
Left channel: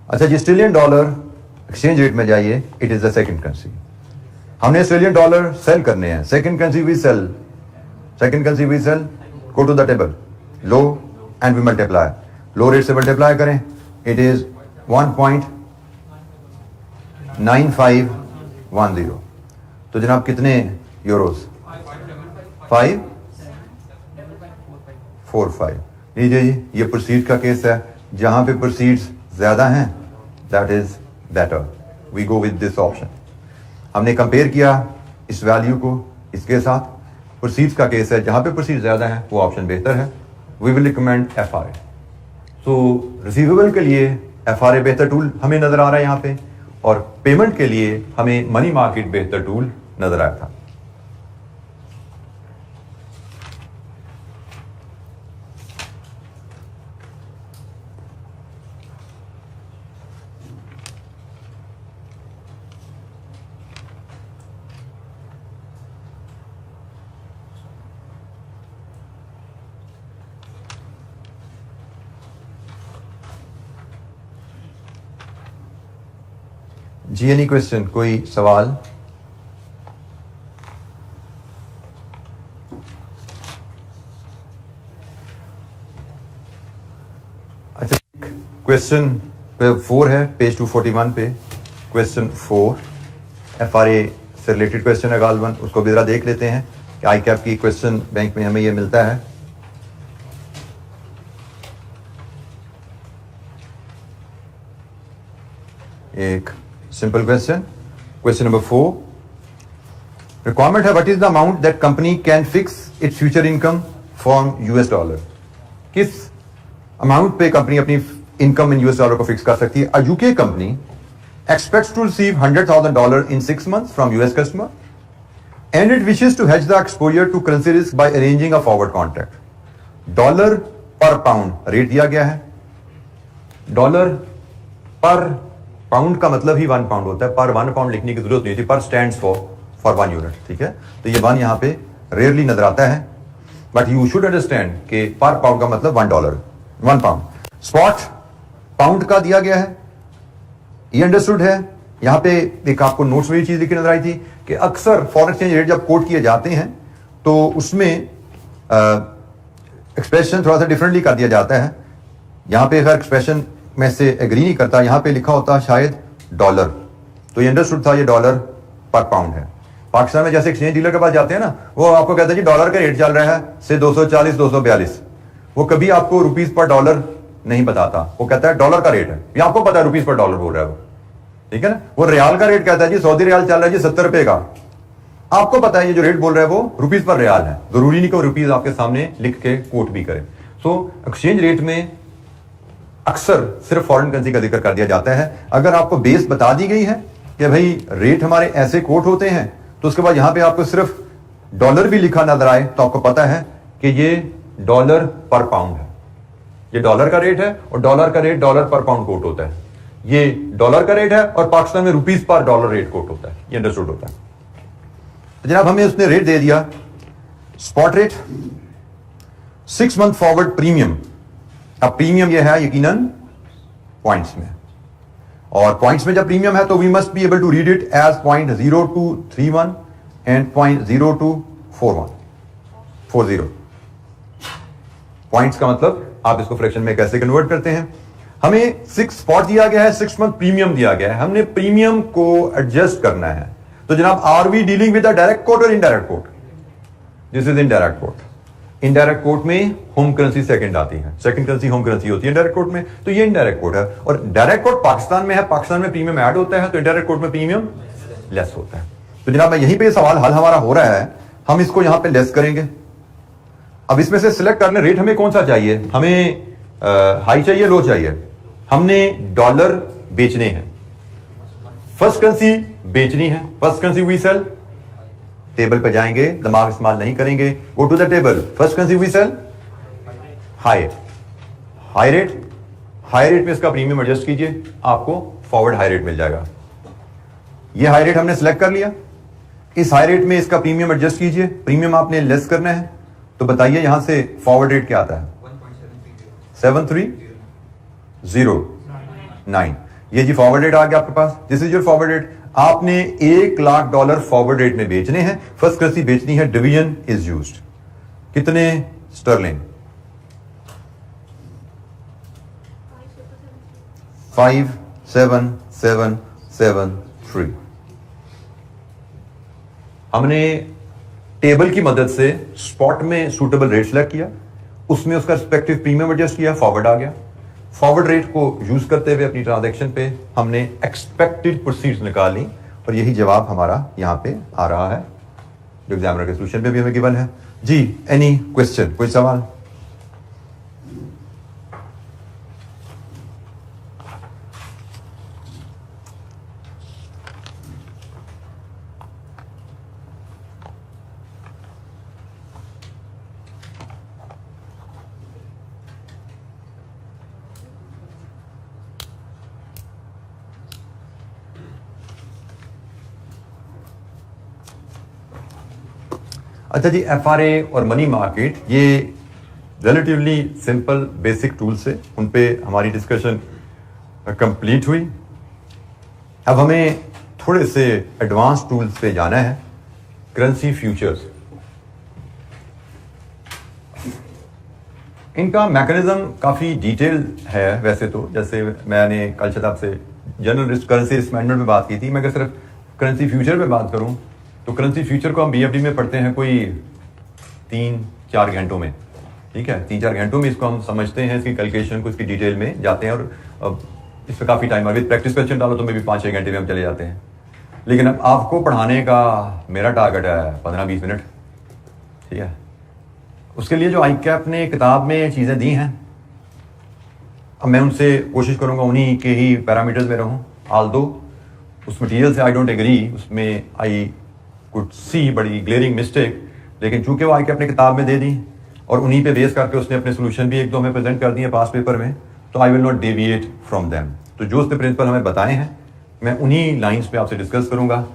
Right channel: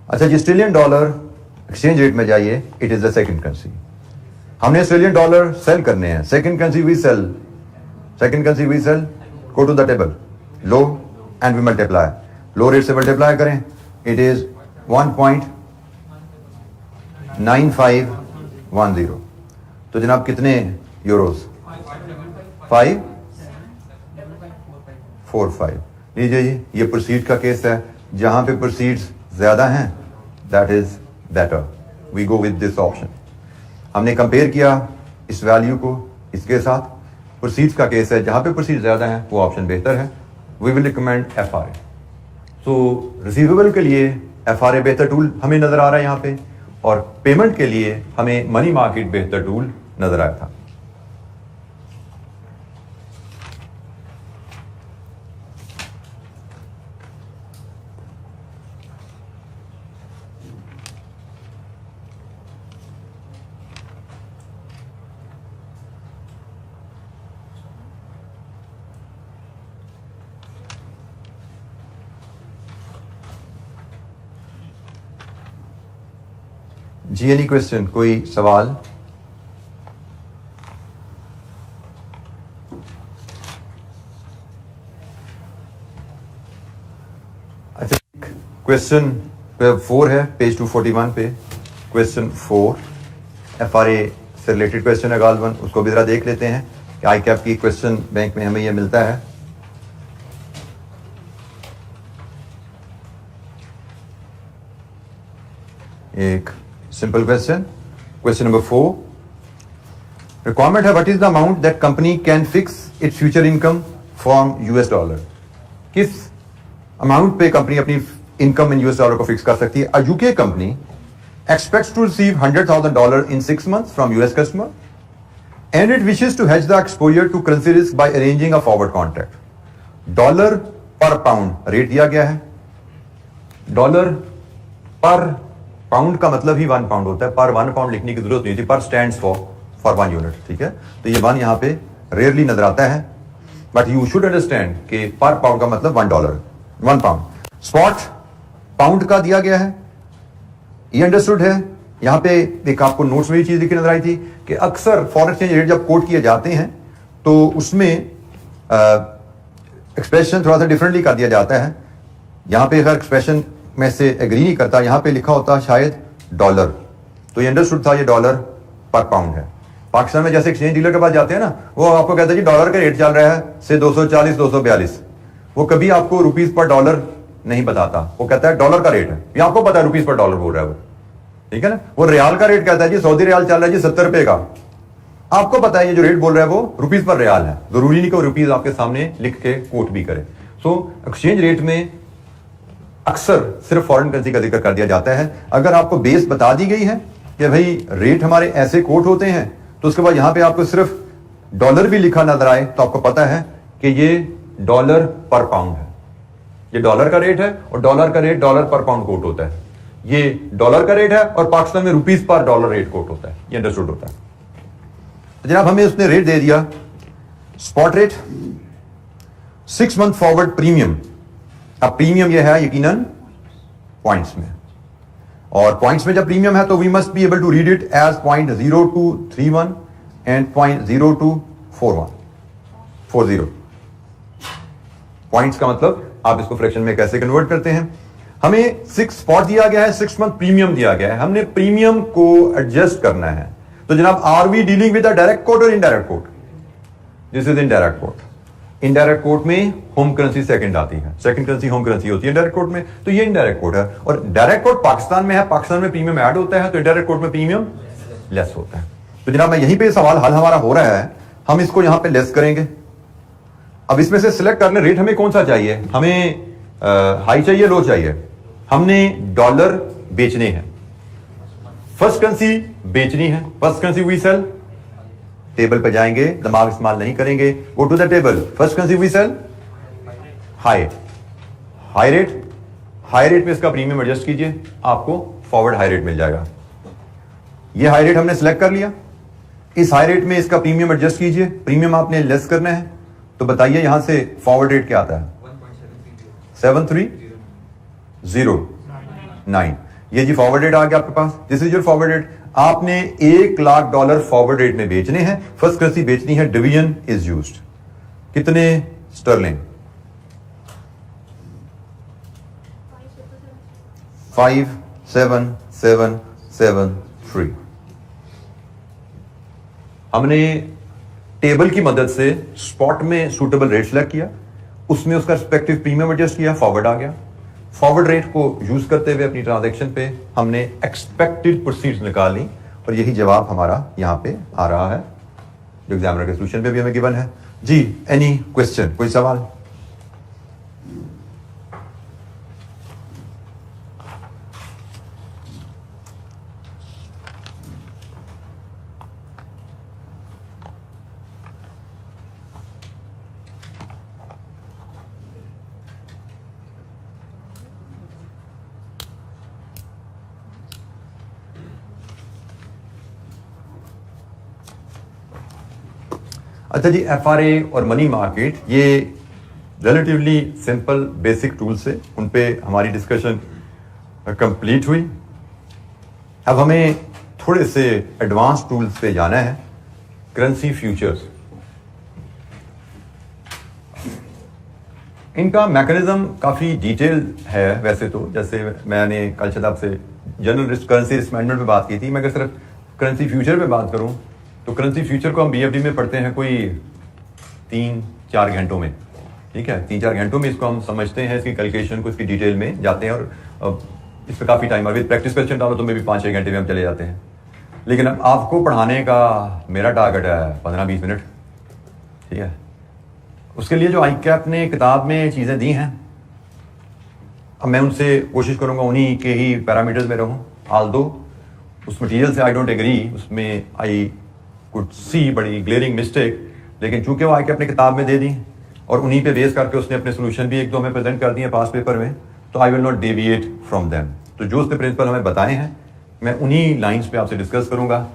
अच्छा जी, ऑस्ट्रेलियन डॉलर एक्सचेंज रेट में जाइए, it is the second currency. हमने ऑस्ट्रेलियन डॉलर सेल करने हैं, second currency we sell, go to the table, low and we multiply, low rate से multiply करें, it is 1.9510, तो जनाब कितने यूरोस? 545। लीजिए जी, ये प्रोसीड का केस है, जहां पे प्रोसीड्स ज्यादा हैं that is better, we go with this option. हमने कंपेयर किया इस वैल्यू को इसके साथ, प्रोसीड्स का केस है, जहां पे प्रोसीड ज्यादा है वो ऑप्शन बेहतर है। We will recommend FRA। So receivable के लिए FRA बेहतर टूल हमें नजर आ रहा है यहाँ पे, और पेमेंट के लिए हमें मनी मार्केट बेहतर टूल नजर आया था। जी, एनी क्वेश्चन, कोई सवाल? अच्छा, क्वेश्चन 4 है पेज 241 पे, क्वेश्चन 4 FRA से रिलेटेड क्वेश्चन है गालबन, उसको भी जरा देख लेते हैं कि ICAP की क्वेश्चन बैंक में हमें ये मिलता है। एक simple question. Question number 4. Requirement है, what is the amount that company can fix its future income from US dollar? किस अमाउंट पे कंपनी अपनी इनकम इन US डॉलर को फिक्स कर सकती है? A UK company expects to receive $100,000 in 6 months from US customer and it wishes to hedge the exposure to currency risk by arranging a forward contract. Dollar पर pound rate दिया गया है। Dollar पर pound का मतलब ही 1 pound होता है, पर 1 पाउंड लिखने की जरूरत नहीं थी, पर स्टैंड्स फॉर 1 यूनिट, ठीक है। तो ये 1 यहां पे रेयरली नजर आता है, बट यू शुड अंडरस्टैंड कि पर पाउंड का मतलब $1 पाउंड। स्पॉट पाउंड का दिया गया है, ये अंडरस्टूड है। यहां पे एक आपको नोट्स में ये चीज लिखी नजर आई थी कि अक्सर फॉरेन एक्सचेंज रेट जब कोट किए जाते हैं तो उसमें एक्सप्रेशन थोड़ा सा डिफरेंटली कर दिया जाता है। यहां पे अगर एक्सप्रेशन में से एग्री नहीं करता, यहां पे लिखा होता शायद डॉलर, तो ये अंडरस्टूड था ये डॉलर पर पाउंड है। पाकिस्तान में जैसे एक्सचेंज डीलर के पास जाते हैं ना, वो आपको कहता है कि डॉलर का रेट चल रहा है से 240 242, वो कभी आपको रुपीज पर डॉलर नहीं बताता, वो कहता है डॉलर का रेट है, ये आपको पता है रुपीज पर डॉलर बोल रहा है वो, ठीक है ना। वो रियाल का रेट कहता है जी सऊदी रियाल चल रहा है जी 70 रुपए का, आपको पता है ये जो रेट बोल रहा है वो रुपीज पर रियाल है, जरूरी नहीं कि वो रुपीज आपके सामने लिख के कोट भी करे। सो एक्सचेंज रेट में अक्सर सिर्फ फॉरेन करेंसी का जिक्र कर दिया जाता है। अगर आपको बेस बता दी गई है कि भाई रेट हमारे ऐसे कोट होते हैं, तो उसके बाद यहां पे आपको सिर्फ डॉलर भी लिखा नजर आए तो आपको पता है कि ये डॉलर पर पाउंड है, ये डॉलर का रेट है, और डॉलर का रेट डॉलर पर पाउंड कोट होता है। ये डॉलर का रेट है और पाकिस्तान में rupees per dollar rate quote होता है, ये अंडरस्टूड होता है। तो जनाब हमें उसने रेट दे दिया, spot rate 6 month forward premium. अब प्रीमियम ये है यकीनन पॉइंट्स में, और पॉइंट्स में जब प्रीमियम है तो we must be able to read it as 0.0231 and 0.0240। Points का मतलब आप इसको फ्रैक्शन में कैसे कन्वर्ट करते हैं। हमें 6 स्पॉट दिया गया है, 6 मंथ प्रीमियम दिया गया है, हमने प्रीमियम को एडजस्ट करना है। तो जनाब are we dealing with a direct quote और indirect quote? This is indirect quote. Indirect quote में होम करेंसी सेकंड आती है, सेकंड करेंसी होम करेंसी होती है इनडायरेक्ट कोट में, तो ये इनडायरेक्ट कोट है। और डायरेक्ट कोट पाकिस्तान में है, पाकिस्तान में प्रीमियम ऐड होता है, तो इनडायरेक्ट कोट में प्रीमियम लेस होता है। तो जनाब मैं यहीं पे सवाल हल हमारा हो रहा है, हम इसको यहां पे लेस करेंगे। अब इसमें से सिलेक्ट करने रेट हमें कौन सा चाहिए, हमें हाई चाहिए लो चाहिए। हमने डॉलर बेचने हैं, फर्स्ट करेंसी बेचनी है, first currency we sell. Table पे जाएंगे, दिमाग इस्तेमाल नहीं करेंगे, go to the table, first currency we sell high, high rate, high rate में इसका प्रीमियम एडजस्ट कीजिए, आपको फॉरवर्ड हाई रेट मिल जाएगा। ये हाई रेट हमने सिलेक्ट कर लिया, इस हाई रेट में इसका प्रीमियम एडजस्ट कीजिए, प्रीमियम आपने लेस करना है, तो बताइए यहां से फॉरवर्ड रेट क्या आता है? 7309। ये जी फॉरवर्ड रेट आ गया आपके पास, this is your forward rate. आपने $1 लाख फॉरवर्ड रेट में बेचने हैं, फर्स्ट करेंसी बेचनी है, डिवीजन इज यूज्ड। कितने स्टर्लिंग? 57773। हमने टेबल की मदद से स्पॉट में सूटेबल रेट सेलेक्ट किया, उसमें उसका रिस्पेक्टिव प्रीमियम एडजस्ट किया, फॉरवर्ड आ गया। फॉरवर्ड रेट को यूज करते हुए अपनी ट्रांजैक्शन पे हमने एक्सपेक्टेड प्रोसीड्स निकाल ली और यही जवाब हमारा यहां पे आ रहा है जो एग्जामिनर के सोल्यूशन पे भी हमें गिवन है। जी, एनी क्वेश्चन, कोई सवाल? अच्छा जी, एफआरए और मनी मार्केट ये रिलेटिवली सिंपल बेसिक टूल्स है, उन पे हमारी डिस्कशन कंप्लीट हुई। अब हमें थोड़े से एडवांस टूल्स पे जाना है। करेंसी फ्यूचर्स, इनका मैकेनिज्म काफ़ी डिटेल है वैसे तो। जैसे मैंने कल शायद आपसे general risk currency risk management में बात की थी, मैं अगर सिर्फ करेंसी फ्यूचर पे बात करूं तो करेंसी फ्यूचर को हम बीएफडी में पढ़ते हैं कोई 3-4 घंटों में, ठीक है। 3-4 घंटों में इसको हम समझते हैं, इसकी कैलकुलेशन को, इसकी डिटेल में जाते हैं और इस पर काफ़ी टाइम, अभी प्रैक्टिस क्वेश्चन डालो तो मे भी 5-6 घंटे में हम चले जाते हैं। लेकिन अब आपको पढ़ाने का मेरा टारगेट है 15-20 मिनट, ठीक है। उसके लिए जो ICAP ने किताब में चीज़ें दी हैं, अब मैं उनसे कोशिश करूँगा उन्हीं के ही पैरामीटर्स में रहूँ। आल्दो उस मटीरियल से आई डोंट एग्री, उसमें आई कुड सी बड़ी ग्लेरिंग मिस्टेक, लेकिन चूंकि वो ICAP ने किताब में दे दी और उन्हीं पे बेस करके उसने अपने सोल्यूशन भी 1-2 में प्रेजेंट कर दिए पास पेपर में, तो I will not deviate from them. तो जो उसने प्रिंसिपल हमें बताए हैं मैं उन्हीं लाइंस पे आपसे डिस्कस करूंगा।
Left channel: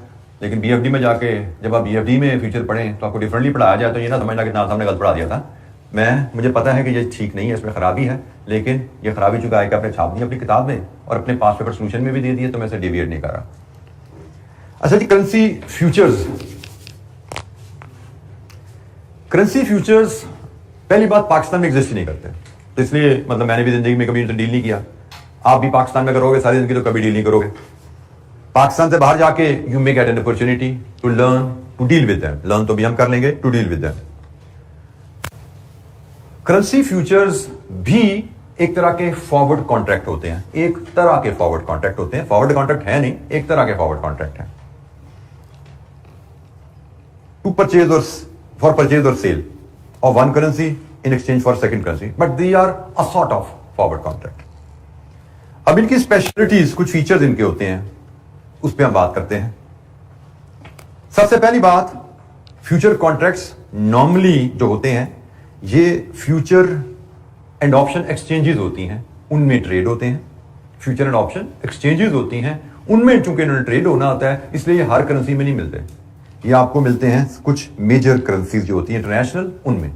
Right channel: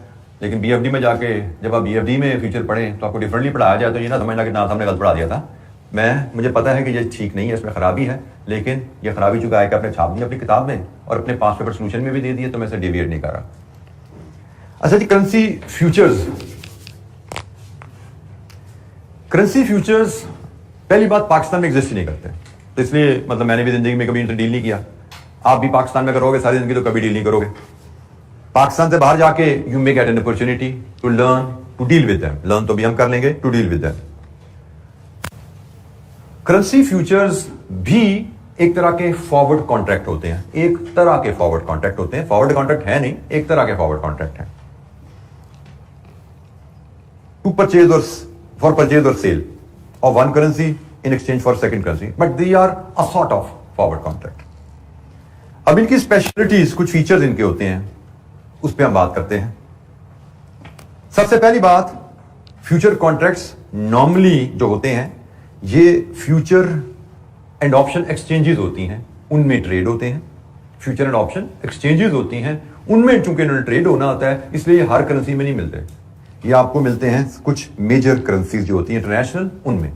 लेकिन BFD में जाके जब आप BFD में फ्यूचर पढ़ें तो आपको डिफरेंटली पढ़ाया जाए तो ये ना समझना कि ना हमने गलत पढ़ा दिया था। मुझे पता है कि ये ठीक नहीं है, इसमें खराबी है, लेकिन ये खराबी चूंकि ICAP ने छाप दी अपनी किताब में और अपने पास पेपर सोल्यूशन में भी दे दिए, तो मैं इसे डेविएट नहीं कर रहा। अच्छा जी, करेंसी फ्यूचर्स। करेंसी फ्यूचर्स पहली बात पाकिस्तान में एग्जिस्ट ही नहीं करते, तो इसलिए मतलब मैंने भी जिंदगी में कभी इनसे डील नहीं किया। आप भी पाकिस्तान में करोगे सारी जिंदगी तो कभी डील नहीं करोगे। पाकिस्तान से बाहर जाके you may get an opportunity to learn to deal with them. Learn तो भी हम कर लेंगे, to deal with them. Currency futures भी एक तरह के फॉरवर्ड कॉन्ट्रैक्ट होते हैं, एक तरह के फॉरवर्ड कॉन्ट्रैक्ट होते हैं। फॉरवर्ड कॉन्ट्रैक्ट है नहीं, एक तरह के फॉरवर्ड कॉन्ट्रैक्ट है। टू परचेज और for purchase or sale of one currency in exchange for second currency, but they are a sort of forward contract. अब इनकी स्पेशलिटीज, कुछ फीचर्स इनके होते हैं, उस पर हम बात करते हैं। सबसे पहली बात, फ्यूचर कॉन्ट्रैक्ट्स नॉर्मली जो होते हैं ये फ्यूचर एंड ऑप्शन एक्सचेंजेस होती हैं, उनमें ट्रेड होते हैं। फ्यूचर एंड ऑप्शन एक्सचेंजेस होती हैं, उनमें चूंकि इन्होंने ट्रेड होना होता है, इसलिए ये हर करेंसी में नहीं मिलते। ये आपको मिलते हैं कुछ मेजर करेंसीज जो होती हैं इंटरनेशनल, उनमें।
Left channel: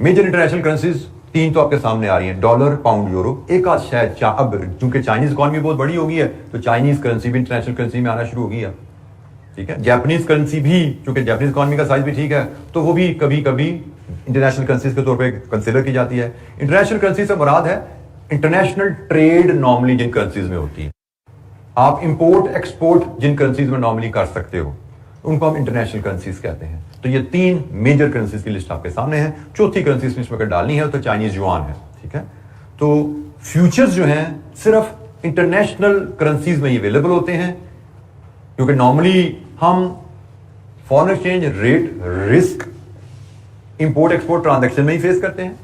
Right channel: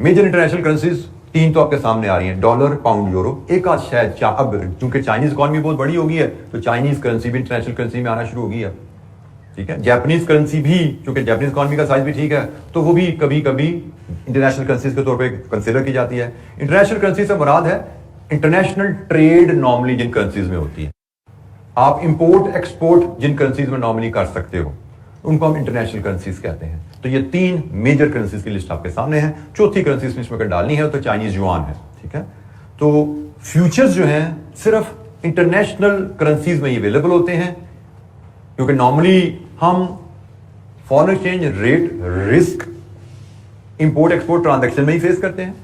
मेजर इंटरनेशनल करेंसीज 3 तो आपके सामने आ रही हैं, डॉलर, पाउंड, यूरो। एक आध शायद अब चूंकि चाइनीज इकॉनमी बहुत बड़ी होगी है तो चाइनीज करेंसी भी इंटरनेशनल करेंसी में आना शुरू होगी अब, ठीक है। जापानीज करेंसी भी, चूंकि जापानीज इकॉनमी का साइज भी ठीक है, तो वो भी कभी कभी इंटरनेशनल करेंसीज के तौर पर कंसिडर की जाती है। इंटरनेशनल करेंसी से मुराद है इंटरनेशनल ट्रेड नॉर्मली जिन करेंसीज में होती है। आप इंपोर्ट एक्सपोर्ट जिन करेंसीज में नॉर्मली कर सकते हो उनको हम इंटरनेशनल करेंसीज कहते हैं। तो ये 3 मेजर करेंसीज की लिस्ट आपके सामने है। चौथी करेंसी लिस्ट में अगर डालनी है तो चाइनीज युआन है, ठीक है। तो फ्यूचर्स जो हैं सिर्फ इंटरनेशनल करेंसीज में ही अवेलेबल होते हैं, क्योंकि नॉर्मली हम foreign exchange rate risk import export transaction में ही फेस करते हैं,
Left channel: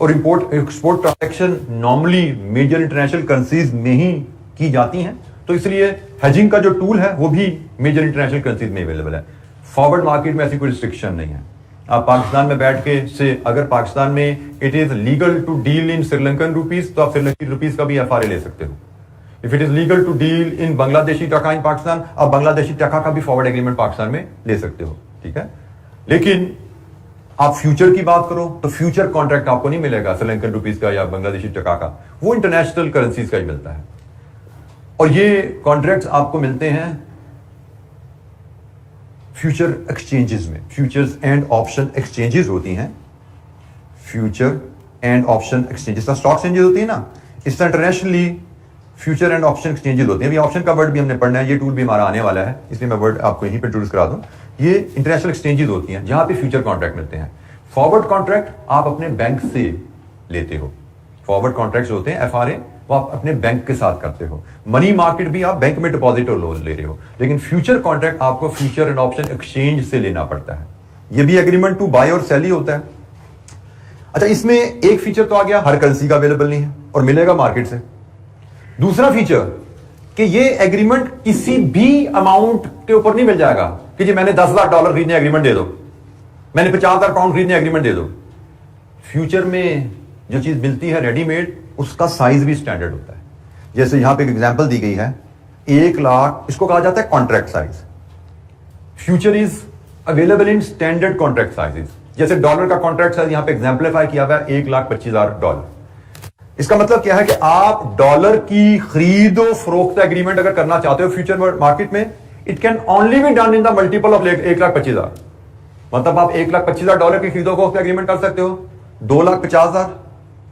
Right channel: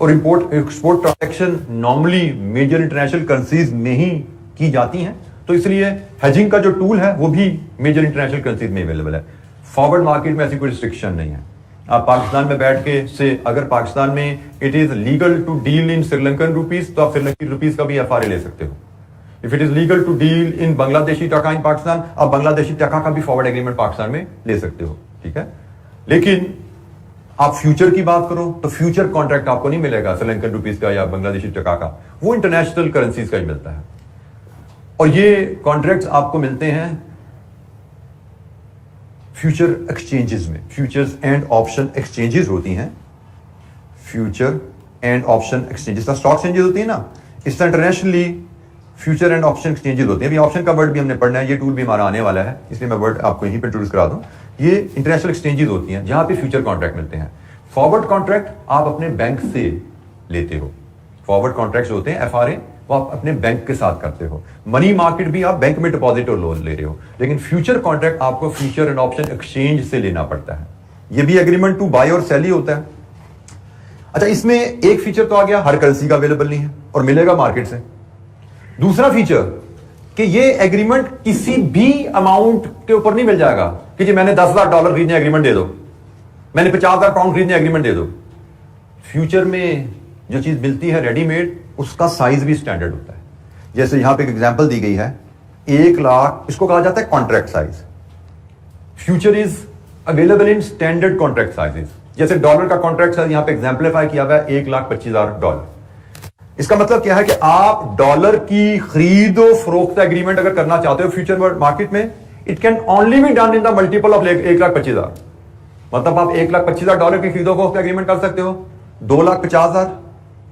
और import export transaction normally major international currencies में ही की जाती हैं। तो इसलिए हेजिंग का जो टूल है वो भी मेजर इंटरनेशनल करेंसीज में अवेलेबल है। फॉरवर्ड मार्केट में ऐसी कोई रिस्ट्रिक्शन नहीं है। आप पाकिस्तान में बैठ के से अगर पाकिस्तान में it is legal to deal in Sri Lankan rupees तो आप श्रीलंकन रुपीज का भी एफआरए ले सकते हो। If it is legal to deal in Bangladeshi taka in Pakistan, आप बांग्लादेशी टका का भी फॉरवर्ड एग्रीमेंट पाकिस्तान में ले सकते हो, ठीक है। लेकिन आप फ्यूचर की बात करो तो फ्यूचर कॉन्ट्रैक्ट आपको नहीं मिलेगा श्रीलंकन रुपीज का या बांग्लादेशी टका का, वो इंटरनेशनल करेंसीज का ही मिलता है। और ये कॉन्ट्रैक्ट्स आपको मिलते हैं फ्यूचर एक्सचेंजेस में। फ्यूचर्स एंड ऑप्शन एक्सचेंजेस होती हैं, future and option exchanges. Stock exchanges होती है ना, इस तरह internationally future and option exchanges होते हैं। अभी ऑप्शन का वर्ड भी हमने पढ़ना है, ये टूल भी हमारा आने वाला है, इसलिए मैं वर्ड आपको यहीं पर इंट्रोड्यूस करा दूं। ये इंटरनेशनल एक्सचेंजेस होती हैं जहां पे फ्यूचर कॉन्ट्रैक्ट मिलते हैं। फॉरवर्ड कॉन्ट्रैक्ट आप अपने बैंक से लेते हो, फॉरवर्ड कॉन्ट्रैक्ट होते हैं एफआरए, वो आप अपने बैंक के साथ करते हो। मनी मार्केट भी आप बैंक में डिपॉजिट और लोन ले रहे हो, लेकिन फ्यूचर कॉन्ट्रैक्ट आपको फ्यूचर एंड ऑप्शन एक्सचेंज से लेना पड़ता है। ये भी एग्रीमेंट टू बाय और सेल ही होता है। अच्छा, इसमें एक फीचर तो आ गया, हर करेंसी का अवेलेबल नहीं है और मिलेगा मार्केट से। दूसरा फीचर कि ये एग्रीमेंट किसी भी अमाउंट के ऊपर नहीं मिल जाएगा कि जी मैंने $10,000 खरीदने एग्रीमेंट दे दो, मैंने £50,000 खरीदने एग्रीमेंट दे दो। फ्यूचर में जो चीज मिलती है रेडीमेड, उसका साइज भी स्टैंडर्ड होता है। जैसे यहां पे एक एग्जांपल दी गई है, 1 लाख, इसको कहा जाता है contract size. Future is available in standard contract sizes. जैसे डॉलर का कॉन्ट्रैक्ट साइज यहां पे एग्जांपलीफाई किया हुआ है $1,25,000। इसका मतलब क्या है कि आप डॉलर की खरीदो फरोख्त एग्रीमेंट अगर करना चाहते हो फ्यूचर मार्केट में, it can only be done in the multiple of $1,25,000। मतलब आप $1,25,000 की खरीदो फरोख्त एग्रीमेंट कर सकते हो, 2,50,000,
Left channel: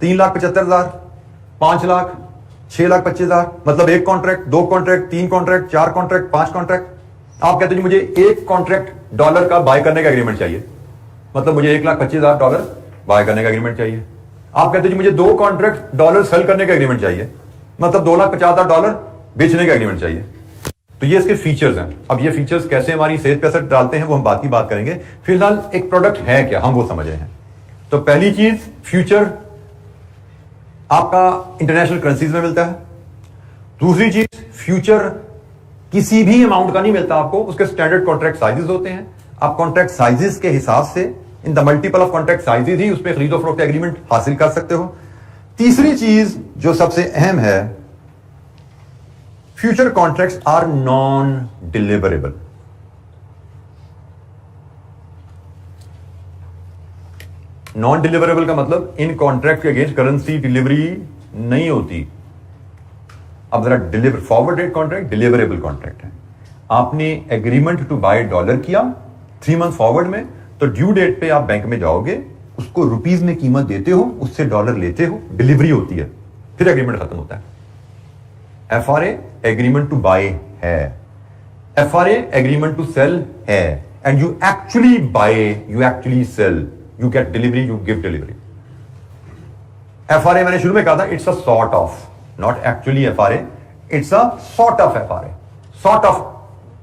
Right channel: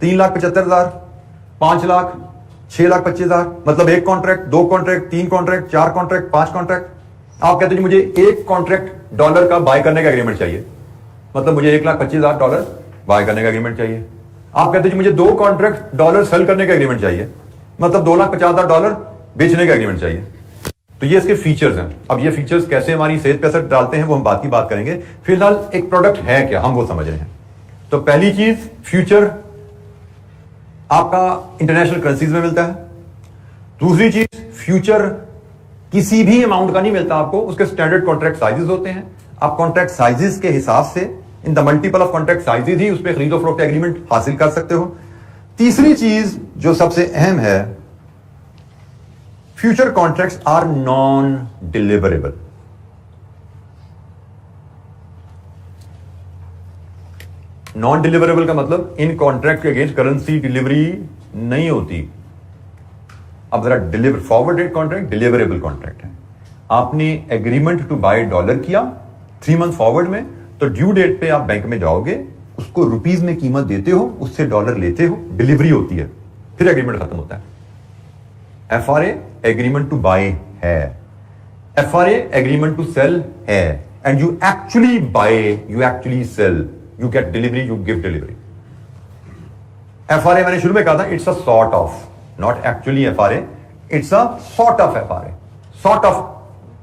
3,75,000, 5 लाख, 6,25,000। मतलब एक contract, 2 contract, 3 contract, 4 contract, 5 contract. आप कहते हो मुझे एक कॉन्ट्रैक्ट डॉलर का बाय करने का एग्रीमेंट चाहिए, मतलब मुझे $1,25,000 बाय करने का एग्रीमेंट चाहिए। आप कहते हो मुझे 2 कॉन्ट्रैक्ट डॉलर सेल करने का एग्रीमेंट चाहिए, मतलब $2,50,000 बेचने का एग्रीमेंट चाहिए। तो ये इसके फीचर्स हैं। अब ये फीचर्स कैसे हमारी सेहत पे असर डालते हैं वो हम बात की बात करेंगे। फिलहाल एक प्रोडक्ट है क्या, हम वो समझ रहे हैं। तो पहली चीज, फ्यूचर आपका इंटरनेशनल करेंसीज में मिलता है। दूसरी चीज, फ्यूचर किसी भी अमाउंट का नहीं मिलता आपको, उसके स्टैंडर्ड कॉन्ट्रैक्ट साइजेस होते हैं। आप कॉन्ट्रैक्ट साइजेस के हिसाब से, in the multiple of contract sizes ही उसमें खरीदो फरोख्त एग्रीमेंट हासिल कर सकते हो। तीसरी चीज जो सबसे अहम है, future contracts are non deliverable. Non deliverable का मतलब इन कॉन्ट्रैक्ट के अगेंस्ट करेंसी डिलीवरी नहीं होती। अब जरा deliver, forward rate contract deliverable contract है। आपने एग्रीमेंट टू बाय डॉलर किया 3 मंथ फॉरवर्ड में, तो ड्यू डेट पे आप बैंक में जाओगे, उसको रुपीज में कीमत देते हो, उससे डॉलर लेते हो, डिलीवरी होती है, फिर एग्रीमेंट खत्म होता है। एफआरए एग्रीमेंट टू बाय है, एफआरए एग्रीमेंट टू सेल है, and you actually buy, you actually sell, you get delivery, you give delivery. FRA मैंने शुरू में कहा था, it's a sort of, not actually FRA, it's a sort of FRA, sort of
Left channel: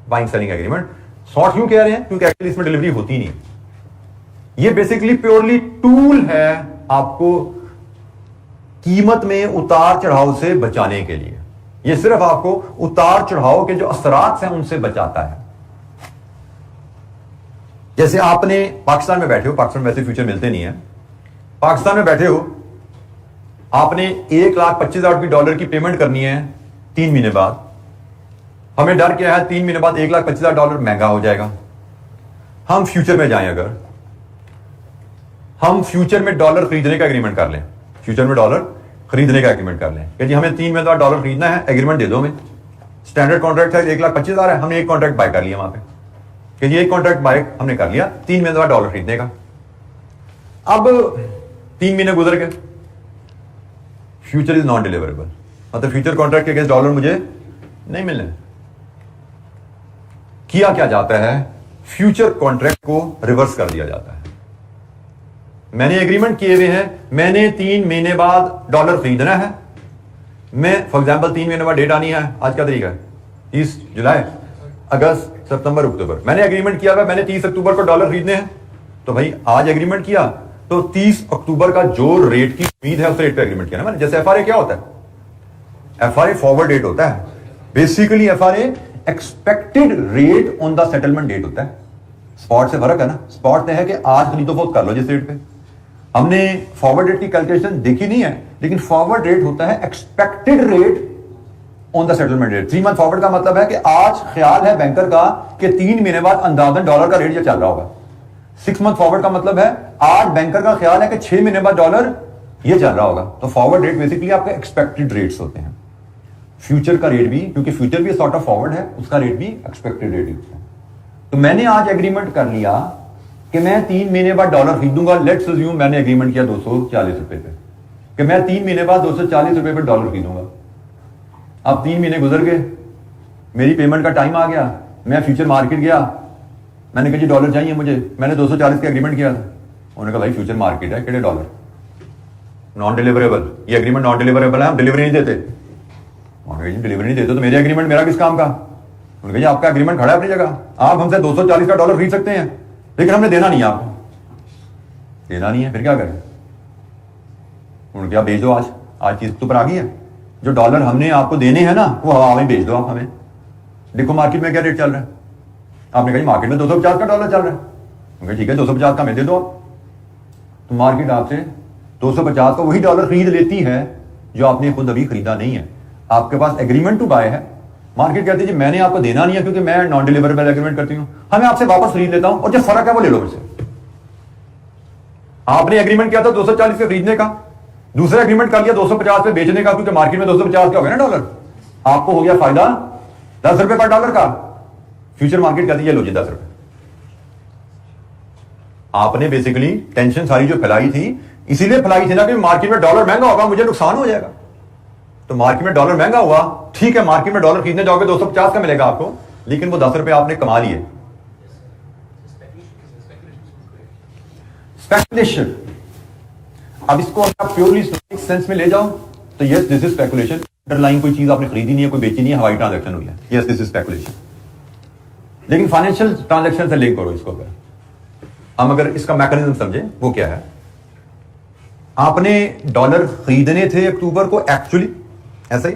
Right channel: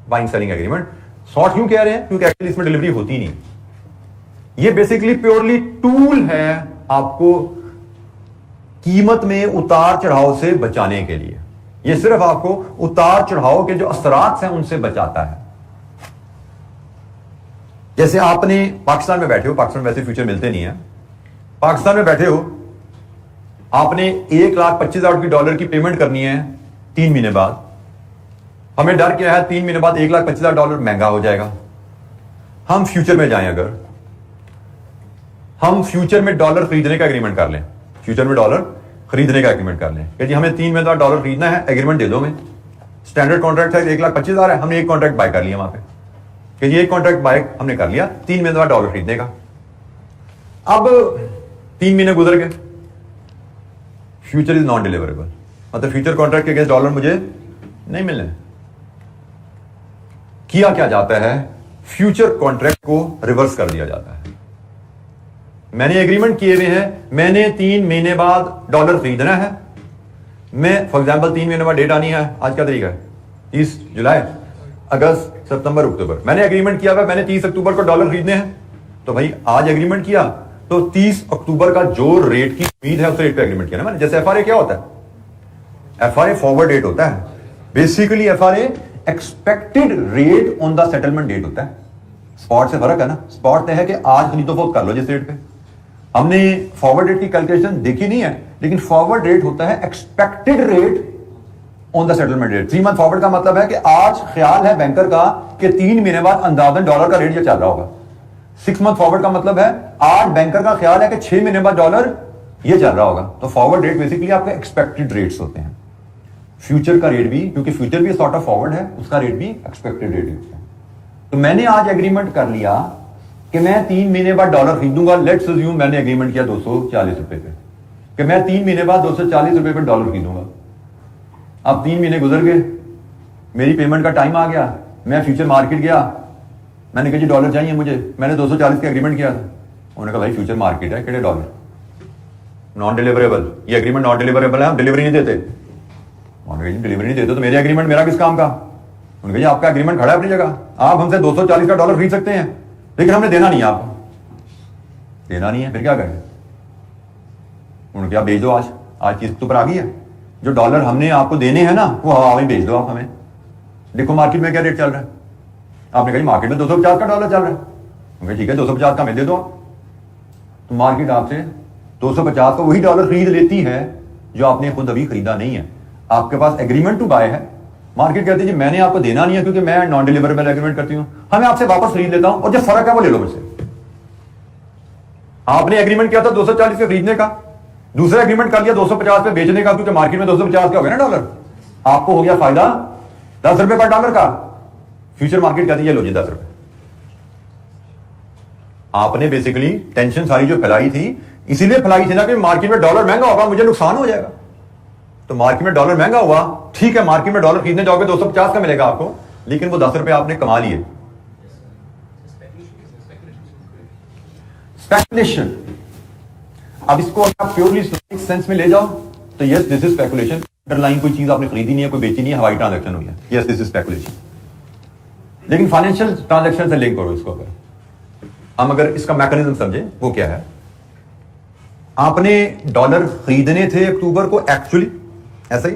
buying selling agreement. Sort क्यों कह रहे हैं? क्योंकि एक्चुअली इसमें डिलीवरी होती नहीं। ये बेसिकली प्योरली टूल है आपको कीमत में उतार चढ़ाव से बचाने के लिए। ये सिर्फ आपको उतार चढ़ाव के जो असरात हैं उनसे बचाता है। जैसे आपने पाकिस्तान में बैठे हो, पाकिस्तान में वैसे फ्यूचर मिलते नहीं है, पाकिस्तान में बैठे हो, आपने $1,25,000 की पेमेंट करनी है 3 महीने बाद। हमें डर क्या है, 3 महीने बाद $1,25,000 महंगा हो जाएगा। हम फ्यूचर में जाएं, अगर हम फ्यूचर में डॉलर खरीदने का एग्रीमेंट कर लें, फ्यूचर में डॉलर खरीदने का एग्रीमेंट कर लें कि जी हमें 3 महीने बाद डॉलर खरीदना है, एग्रीमेंट दे दो हमें। स्टैंडर्ड कॉन्ट्रैक्ट है, $1,25,000 है, हमने एक कॉन्ट्रैक्ट बाय कर लिया वहां पे कि ये एक कॉन्ट्रैक्ट बाय हमने कर लिया 3 महीने बाद डॉलर खरीदने का। अब 3 महीने गुजर गए, फ्यूचर इज नॉन डिलीवरेबल, मतलब फ्यूचर कॉन्ट्रैक्ट के अगेंस्ट डॉलर मुझे नहीं मिलने। किया क्या जाता है, फ्यूचर कॉन्ट्रैक्ट को रिवर्स कर दिया जाता है। मैंने एग्रीमेंट किए हुए हैं, मैंने 3 महीने बाद डॉलर खरीदना है। मैं फॉर एग्जांपल 3 महीने बाद डेट आनी है, आज का तारीख है 30 जुलाई, अगस्त, सितंबर, अक्टूबर। मैंने एग्रीमेंट किया हुआ, मैंने 30 अक्टूबर को डॉलर खरीदने हैं, तो भाई आज एग्रीमेंट किया तो 30 अक्टूबर का जो रेट की उम्मीद है उस रेट पे एग्रीमेंट किया ना मैंने। जैसे एफआरए क्या होता है, एफआरए फॉरवर्ड रेट होता है। Basically FRA expected rate on the settlement date होता है। स्पॉट से फर्क है ना, स्पॉट है कि आज खरीदो फरोख्त कर लो जिस रेट पे। हमने फॉरवर्ड रेट की कैलकुलेशन देखी नहीं है, लेकिन फॉरवर्ड रेट होता है expected rate on the settlement rate. 3 month forward का मतलब है कि आज ख्याल है बैंकर का कि 3 महीने बाद अंदाजन डॉलर का रेट ये चल रहा होगा। 6 मंथ फॉरवर्ड का मतलब है आज बैंकर का ख्याल है कि 6 महीने बाद डॉलर ये चल रहा होगा। तो फॉरवर्ड रेट बेसिकली आपके एक्सपेक्टेड रेट्स होते हैं। फ्यूचर का रेट भी, क्योंकि फ्यूचर भी सॉर्ट ऑफ फॉरवर्ड है, उसका रेट भी एक्सपेक्टेड रेट होता है। तो मैंने आज एग्रीमेंट कर लिया कि मैं 3 महीने बाद डॉलर खरीदूंगा। लेट्स अज्यूम मैंने एग्रीमेंट किया 240 रुपए पे कि मैं 3 महीने बाद 240 रुपए पे डॉलर खरीदूंगा। अब 3 महीने गुजर गए, मेरी पेमेंट का टाइम आ गया, मैं फ्यूचर मार्केट गया, मैंने कहा जी डॉलर चाहिए मुझे, मैंने 240 का एग्रीमेंट किया था। उन्होंने कहा भाई फ्यूचर मार्केट है, कितने डॉलर, नॉन डिलीवरेबल, ये एग्रीमेंट नॉन डिलीवरेबल है, हम डिलीवरी नहीं देते। उन्होंने कहा डिलीवरी नहीं देते तो मेरे एग्रीमेंट मेरा किस काम का। उन्होंने कहा जी आपका एग्रीमेंट खड़ा है अपनी जगह, आप हमसे 240 का डॉलर खरीद सकते हैं, लेकिन हमने देना नहीं है आपको। देना नहीं है फिर क्या करें। उन्होंने कहा भेज दो, आज चीज तो पर आ गई है, जो डॉलर हमने आपको देने हैं ना वो हवा में भेज दो आप हमें। देखो मार्केट में क्या रेट चल रहा है। आपने कहा मार्केट में 250 का डॉलर चल रहा है, ठीक है 250 का मैं दे दो। तो मार्केट आपसे 250 का वही डॉलर खरीद लेती है जो आपने खुद अभी खरीदा नहीं है। आपके पास एग्रीमेंट टू बाय है, मार्केट कहती है जी मैंने आपको देना नहीं है क्योंकि मैं नॉन डिलीवरेबल एग्रीमेंट करती हूं, हमें आपसे वापस खरीद लेता हूं और जो फर्क है वो ले लो मुझसे। आपने एग्रीमेंट किया था 240 के खरीदने का, दूसरा एग्रीमेंट कर लिया 250 पे बेचने का, क्योंकि मार्केट में 250 का हो गया ना डॉलर, आपको हो गया फायदा 10 रुपए पर डॉलर का। फ्यूचर मार्केट कहती है लो जी 10 रुपए। आपने बेसिकली टेंशन सारी जो फैलाई थी इसीलिए फैलाई थी ना कि मार्केट में डॉलर महंगा होगा, मुझे नुकसान हो जाएगा। तो मार्केट में डॉलर महंगा हुआ, ठीक है मार्केट में डॉलर खरीदने जाओगे 250 का मिलेगा आपको, लेकिन वो 10 रुपए आपने कमा लिए। स्पेकुलेशन, अब इसको आप प्योरली सेंस में ले जाओ तो yes this is speculation. Underline कोई चीज आपने खरीदी नहीं है, कोई बेची नहीं है, हवाई ट्रांजैक्शन हुई है, यस दिस इज स्पेकुलेशन। लेकिन फाइनेंशियल ट्रांजैक्शन से लिंक करो इसको। अगर हम अगर इसका मैकेनिज्म समझे वो क्या है, आपने डॉलर खरीदने थे अक्टूबर को एक्चुअली ऐसा ही,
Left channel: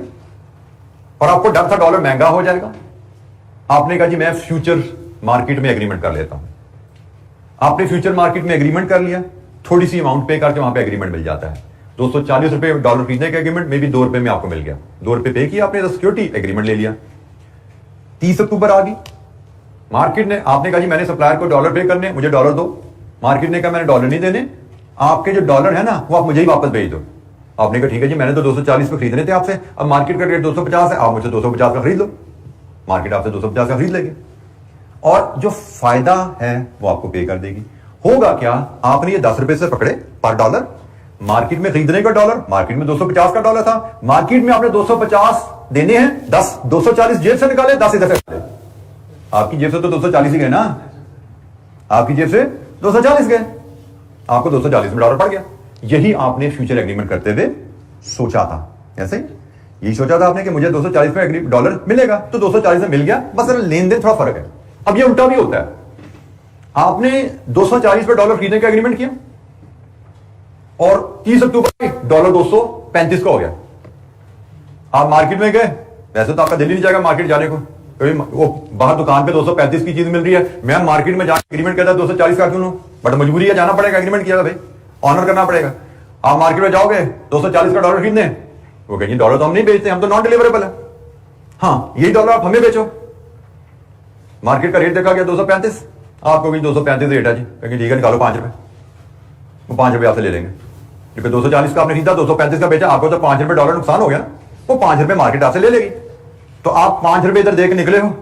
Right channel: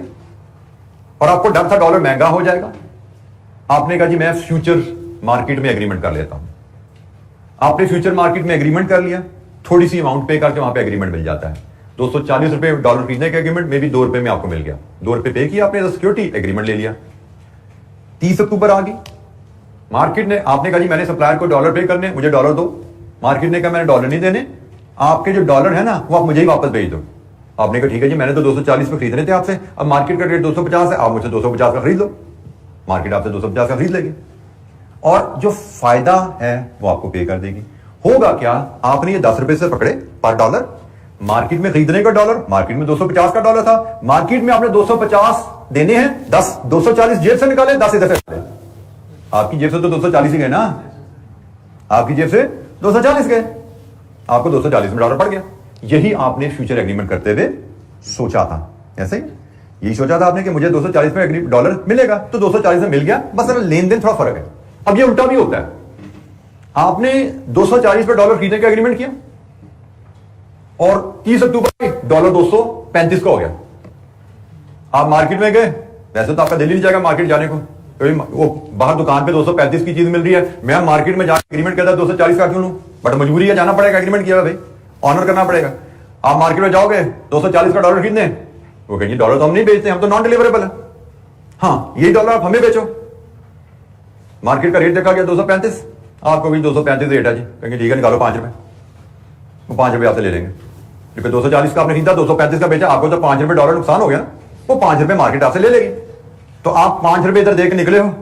और आपको डर था डॉलर महंगा हो जाएगा। आपने कहा जी मैं फ्यूचर मार्केट में एग्रीमेंट कर लेता हूं। आपने फ्यूचर मार्केट में एग्रीमेंट कर लिया, थोड़ी सी अमाउंट पे करके वहां पे एग्रीमेंट मिल जाता है। 240 रुपए डॉलर खरीदने का एग्रीमेंट में भी 2 रुपए में आपको मिल गया, 2 रुपए पे किया आपने, सिक्योरिटी एग्रीमेंट ले लिया। 30 अक्टूबर आ गई, मार्केट ने, आपने कहा जी मैंने सप्लायर को डॉलर पे करने, मुझे डॉलर दो। मार्केट ने कहा मैंने डॉलर नहीं देने, आपके जो डॉलर है ना वो आप मुझे ही वापस भेज दो। आपने कहा ठीक है जी मैंने तो 240 पे खरीदने थे आपसे, अब मार्केट का रेट 250 है, आप मुझसे 250 का खरीद लो। मार्केट आपसे 250 का खरीद लेगी और जो फायदा है वो आपको पे कर देगी। होगा क्या, आपने ये 10 रुपए से पकड़े पर डॉलर, मार्केट में खरीदने का डॉलर, मार्केट में 250 का डॉलर था, मार्केट में आपने 250 देने हैं, 10 240 जेब से निकाले, 10 इधर से निकाले। आपकी जेब से तो 240 ही गए ना, आपकी जेब से 240 गए, आपको 240 में डॉलर पड़ गया। यही आपने फ्यूचर एग्रीमेंट करते हुए सोचा था, ऐसे यही सोचा था आपने कि मुझे 240 में डॉलर मिलेगा, तो 240 में मिल गया, बस लेन देन थोड़ा फर्क है। अब ये उल्टा भी होता है, आपने 240 पे डॉलर खरीदने का एग्रीमेंट किया और 30 अक्टूबर डॉलर 235 का हो गया। आप मार्केट में गए, वैसे तो आपका दिल ही नहीं जाएगा मार्केट जाने को, वो बाहर दुकान पे 235 की चीज मिल रही है, मैं मार्केट में जाकर एग्रीमेंट करता 240 का क्यों लूं, बट मजबूरी है जाना पड़ेगा, एग्रीमेंट किया भाई ऑनर करना पड़ेगा। आप मार्केट में जाओगे 240 का डॉलर खरीदने, वो कहेंगे डॉलर तो हम नहीं बेचते, हम तो नॉन डिलीवरेबल है, हाँ यही डॉलर आप हमें बेचो। मार्केट का रेट देखा गया 235, आपको भी 235 रेट है जी, कहेंगे ठीक है निकालो 5 रुपए, वो 5 रुपए आपसे ले लेंगे, क्योंकि 240 का आपने खरीदा 235 का बेचा, आपको तो 5 रुपए डॉलर नुकसान हो गया, वो 5 रुपए मार्केट आपसे ले लेगी। तो आप 5 रुपए इधर देकर निकले हो,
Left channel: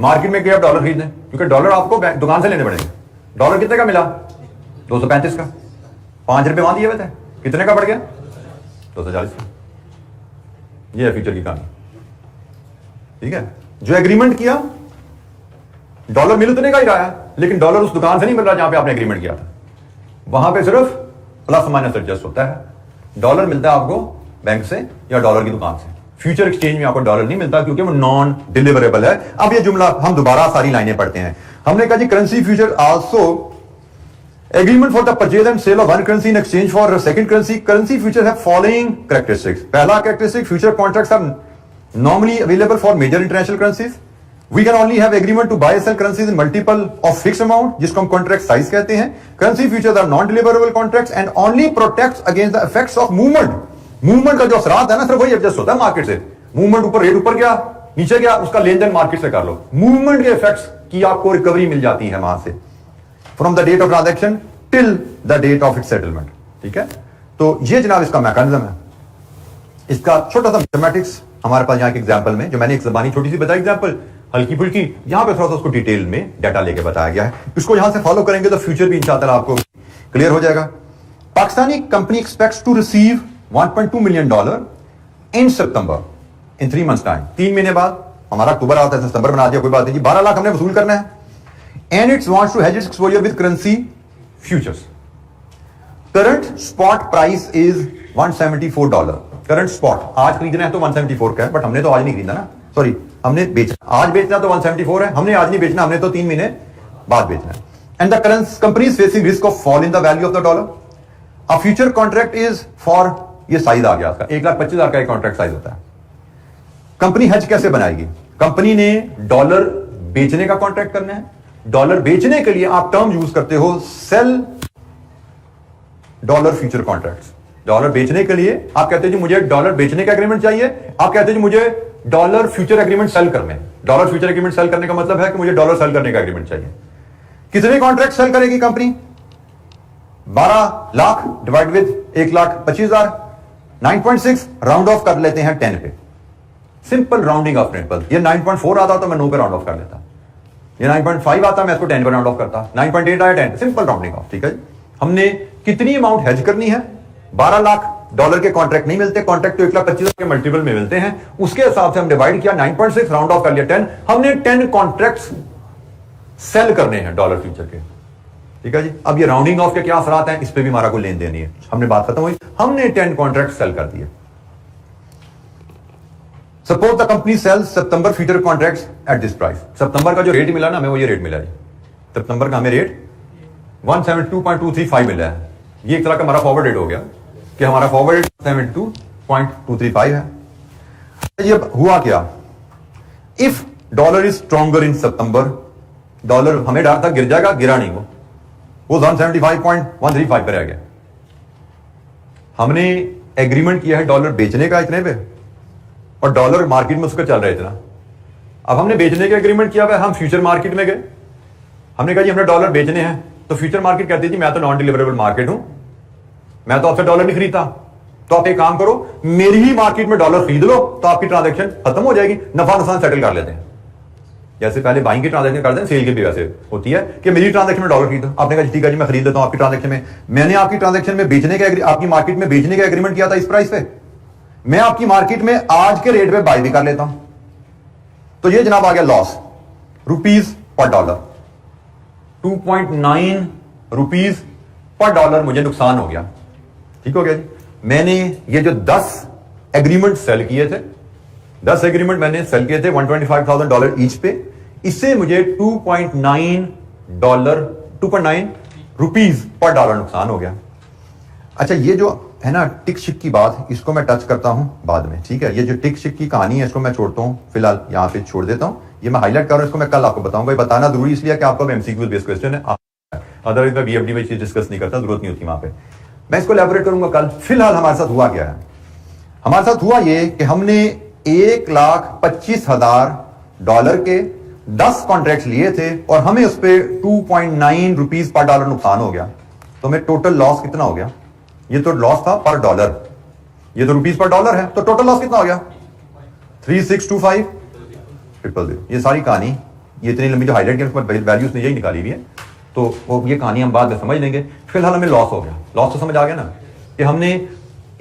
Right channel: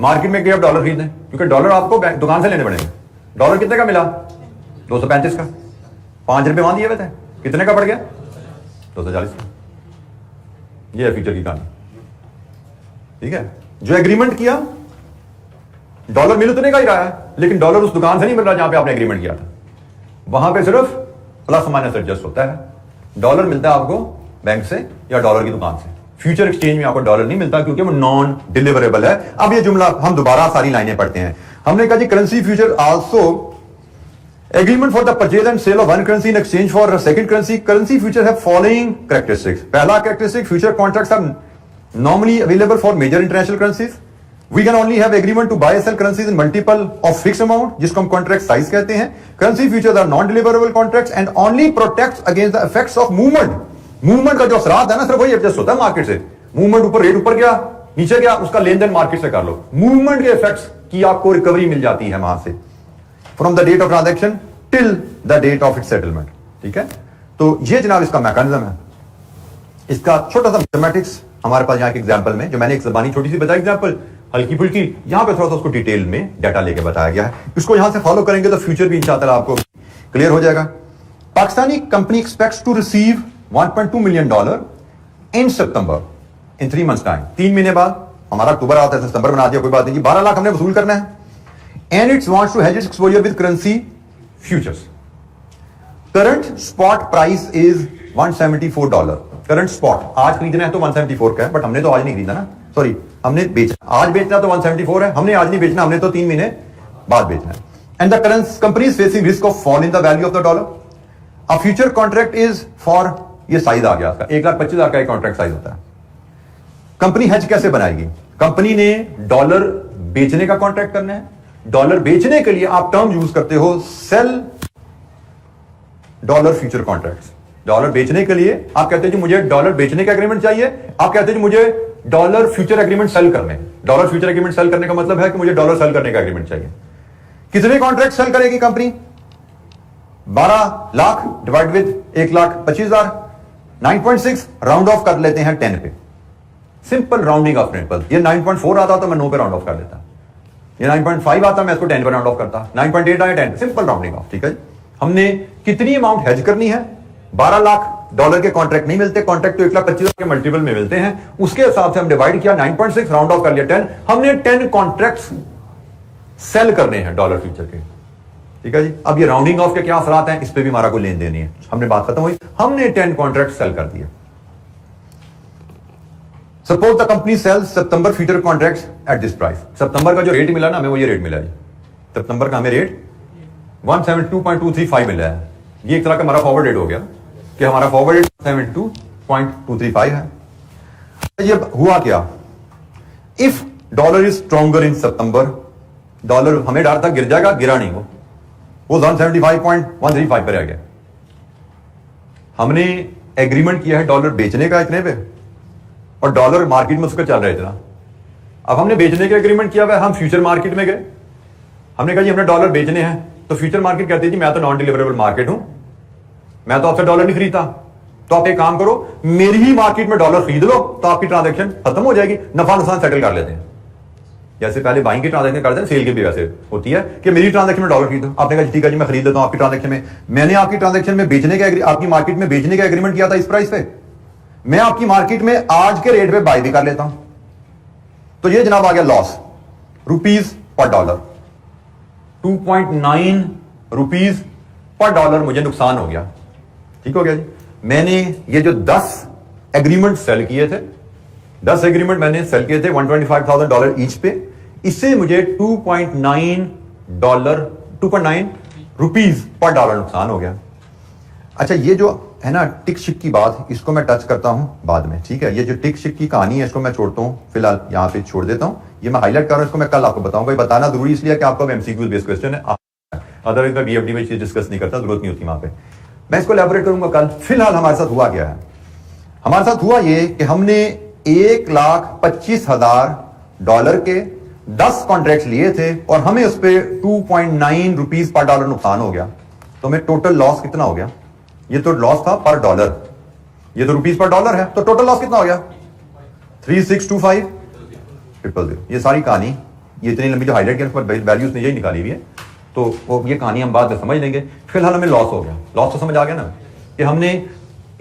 मार्केट में गए आप डॉलर खरीदने, क्योंकि डॉलर आपको दुकान से लेने पड़ेंगे। डॉलर कितने का मिला, 235 का, 5 रुपए वहां दिए हुए थे, कितने का पड़ गया, 240 का। ये है फ्यूचर की कहानी, ठीक है। जो एग्रीमेंट किया, डॉलर मिल उतने का ही रहा है, लेकिन डॉलर उस दुकान से नहीं मिल रहा जहां पे आपने एग्रीमेंट किया था, वहां पे सिर्फ प्लस माइनस एडजस्ट होता है। डॉलर मिलता है आपको बैंक से या डॉलर की दुकान से, फ्यूचर एक्सचेंज में आपको डॉलर नहीं मिलता क्योंकि वो नॉन डिलीवरेबल है। अब ये जुमला हम दोबारा सारी लाइनें पढ़ते हैं। हमने कहा जी currency future also agreement for the purchase and sale of one currency in exchange for second currency. Currency future have following characteristics. पहला characteristic, future contracts are normally available for major international currencies. We can only have agreement to buy and sell currencies in multiple of fixed amount, जिसको हम contract size कहते हैं। Currency futures are non-deliverable contracts and only protects against the effects of movement. Movement का जो असरात है ना, सिर्फ वही एडजस्ट होता है मार्केट से। मूवमेंट ऊपर, रेट ऊपर गया, नीचे गया, उसका लेन देन मार्केट से कर लो। मूवमेंट के इफेक्ट्स की आपको रिकवरी मिल जाती है वहां से, from the date of transaction till the date of it settlement, ठीक है। तो ये जनाब इसका मैकेनिज्म है। इसका छोटा सा मैथमेटिक्स हमारे पास यहाँ एक एग्जाम्पल में, जो मैंने एक जबानी छोटी सी बताई एग्जाम्पल, हल्की फुल्की, यहां पे थोड़ा सा उसको डिटेल में डाटा लेके बताया गया है। इसको यहां से फॉलो करेंगे तो फ्यूचर भी इंशाअल्लाह आपको क्लियर हो जाएगा। Pakistani company expects to receive $1.2 million in September, in 3 months time. 3 महीने बाद, हमारा अक्टूबर आता है, सितंबर बना दिया, कोई बात नहीं, 12 लाख हमने वसूल करना है। and it wants to hedge its exposure with currency futures. Current spot price is $174. Current spot आज खरीदना है तो 174 का है, बट हमने तो आज नहीं खरीदा ना, सॉरी हमने बेचना, आज बेचना तो 174 है, हमने आज नहीं बेचना, हमने तो 3 महीने बाद बेचना है. And the company is facing risk of fall in the value of the dollar. A future contract is for, ये साइज आ गया आपका 1,25,000 का एक कॉन्ट्रैक्ट साइज होता है. कंपनी हेज कैसे बनाएगी? कंपनी ने डॉलर बेचने का कॉन्ट्रैक्ट करना है. डॉलर बेचने के लिए आप टर्म यूज करते हो sell dollar future contracts. Dollar बेचने के लिए आप कहते हैं जी मुझे डॉलर बेचने का एग्रीमेंट चाहिए, आप कहते हैं जी मुझे डॉलर फ्यूचर एग्रीमेंट सेल करने. डॉलर फ्यूचर एग्रीमेंट सेल करने का मतलब है कि मुझे डॉलर सेल करने का एग्रीमेंट चाहिए. कितने कॉन्ट्रैक्ट सेल करेगी company? 12 lakh divide with 1,25,000, 9.6 round off कर लेते हैं 10 पे. Simple rounding off principle. ये 9.4 आता तो मैं 9 पे राउंड ऑफ कर लेता, ये 9.5 आता मैं इसको 10 पे राउंड ऑफ करता, 9.8 आया 10, सिंपल राउंडिंग ऑफ. ठीक है, हमने कितनी अमाउंट हेज करनी है? 12 लाख डॉलर के कॉन्ट्रैक्ट नहीं मिलते, कॉन्ट्रैक्ट तो 1,25,000 के मल्टीपल में मिलते हैं, उसके हिसाब से हम डिवाइड किया, 9.6 राउंड ऑफ कर लिया 10. हमने 10 कॉन्ट्रैक्ट्स सेल करने हैं डॉलर फ्यूचर के. ठीक है जी, अब ये राउंडिंग ऑफ के क्या असरात हैं, इस पे भी हमारा कोई लेन देन नहीं है. हमने बात खत्म हुई, हमने 10 कॉन्ट्रैक्ट सेल कर दिए. सपोज द कंपनी सेल्स सितंबर future contracts at this price. सितंबर का जो रेट मिला ना, हमें वो ये रेट मिला है. सितंबर का हमें रेट 172.235 मिला है. ये एक तरह का हमारा फॉरवर्ड रेट हो गया कि हमारा फॉरवर्ड रेट 172.235 है. ये हुआ क्या? If dollar is stronger in September, dollar हमें डर था गिर जाएगा, गिरा नहीं, वो 175.135 पर रह गया. हमने एग्रीमेंट किया है डॉलर बेचने का इतने पे, और डॉलर मार्केट में उसका चल रहा है इतना. अब हमने बेचने का एग्रीमेंट किया हुआ है, हम फ्यूचर मार्केट में गए, हमने कहा जी हमने डॉलर बेचने हैं, तो फ्यूचर मार्केट कहती थी मैं तो नॉन डिलीवरेबल मार्केट हूं, मैं तो आपसे डॉलर नहीं खरीदता, तो आप एक काम करो मेरी ही मार्केट में डॉलर खरीद लो, तो आपकी ट्रांजैक्शन खत्म हो जाएगी, नफा नुकसान सेटल कर लेते हैं. जैसे पहले बाइंग की ट्रांजैक्शन करते हैं, सेल की भी वैसे होती है कि मेरी ट्रांजैक्शन में डॉलर खरीदो. आपने कहा ठीक है जी मैं खरीद लेता हूं आपकी ट्रांजैक्शन में. मैंने आपकी ट्रांजैक्शन में बेचने का, आपकी मार्केट में बेचने का एग्रीमेंट किया था इस प्राइस पे, मैं आपकी मार्केट में आज के रेट पे बाय भी कर लेता हूं. तो ये जनाब आ गया loss, rupees per dollar, 2.9 rupees per dollar मुझे नुकसान हो गया. ठीक हो गया जी. मैंने ये जो 10 एग्रीमेंट सेल किए थे, 10 एग्रीमेंट मैंने सेल किए थे $125,000 ईच पे, इससे मुझे 2.9 रुपीज पर डॉलर नुकसान हो गया. अच्छा, ये जो है ना टिक शिक की बात, इसको मैं टच करता हूं बाद में. ठीक है, ये जो टिक शिक की कहानी है इसको मैं छोड़ता हूं, फिलहाल यहां पे छोड़ देता हूं. ये मैं हाईलाइट कर रहा हूं, इसको मैं कल आपको बताऊंगा. ये बताना जरूरी इसलिए कि आपका एमसीक्यू बेस्ड क्वेश्चन है, अदरवाइज मैं बीएफडी में चीज डिस्कस नहीं करता, जरूरत नहीं होती वहां पे. मैं इसको एलैबोरेट करूंगा कल. फिलहाल हमारे साथ हुआ क्या है? हमारे साथ हुआ ये कि हमने $1,25,000 के 10 कॉन्ट्रैक्ट लिए थे और हमें उस पर 2.9 रुपीज पर डॉलर नुकसान हो गया. तो हमें टोटल लॉस कितना हो गया? ये तो लॉस था पर डॉलर, ये तो रुपीज पर डॉलर है, तो टोटल लॉस कितना हो गया? 3625,000. ये सारी कहानी, ये इतनी लंबी जो हाईलाइट किया वैल्यूज ने यही निकाली हुई है, तो वो ये कहानी हम बाद में समझ लेंगे. फिलहाल हमें लॉस हो गया. लॉस तो समझ आ गया ना कि हमने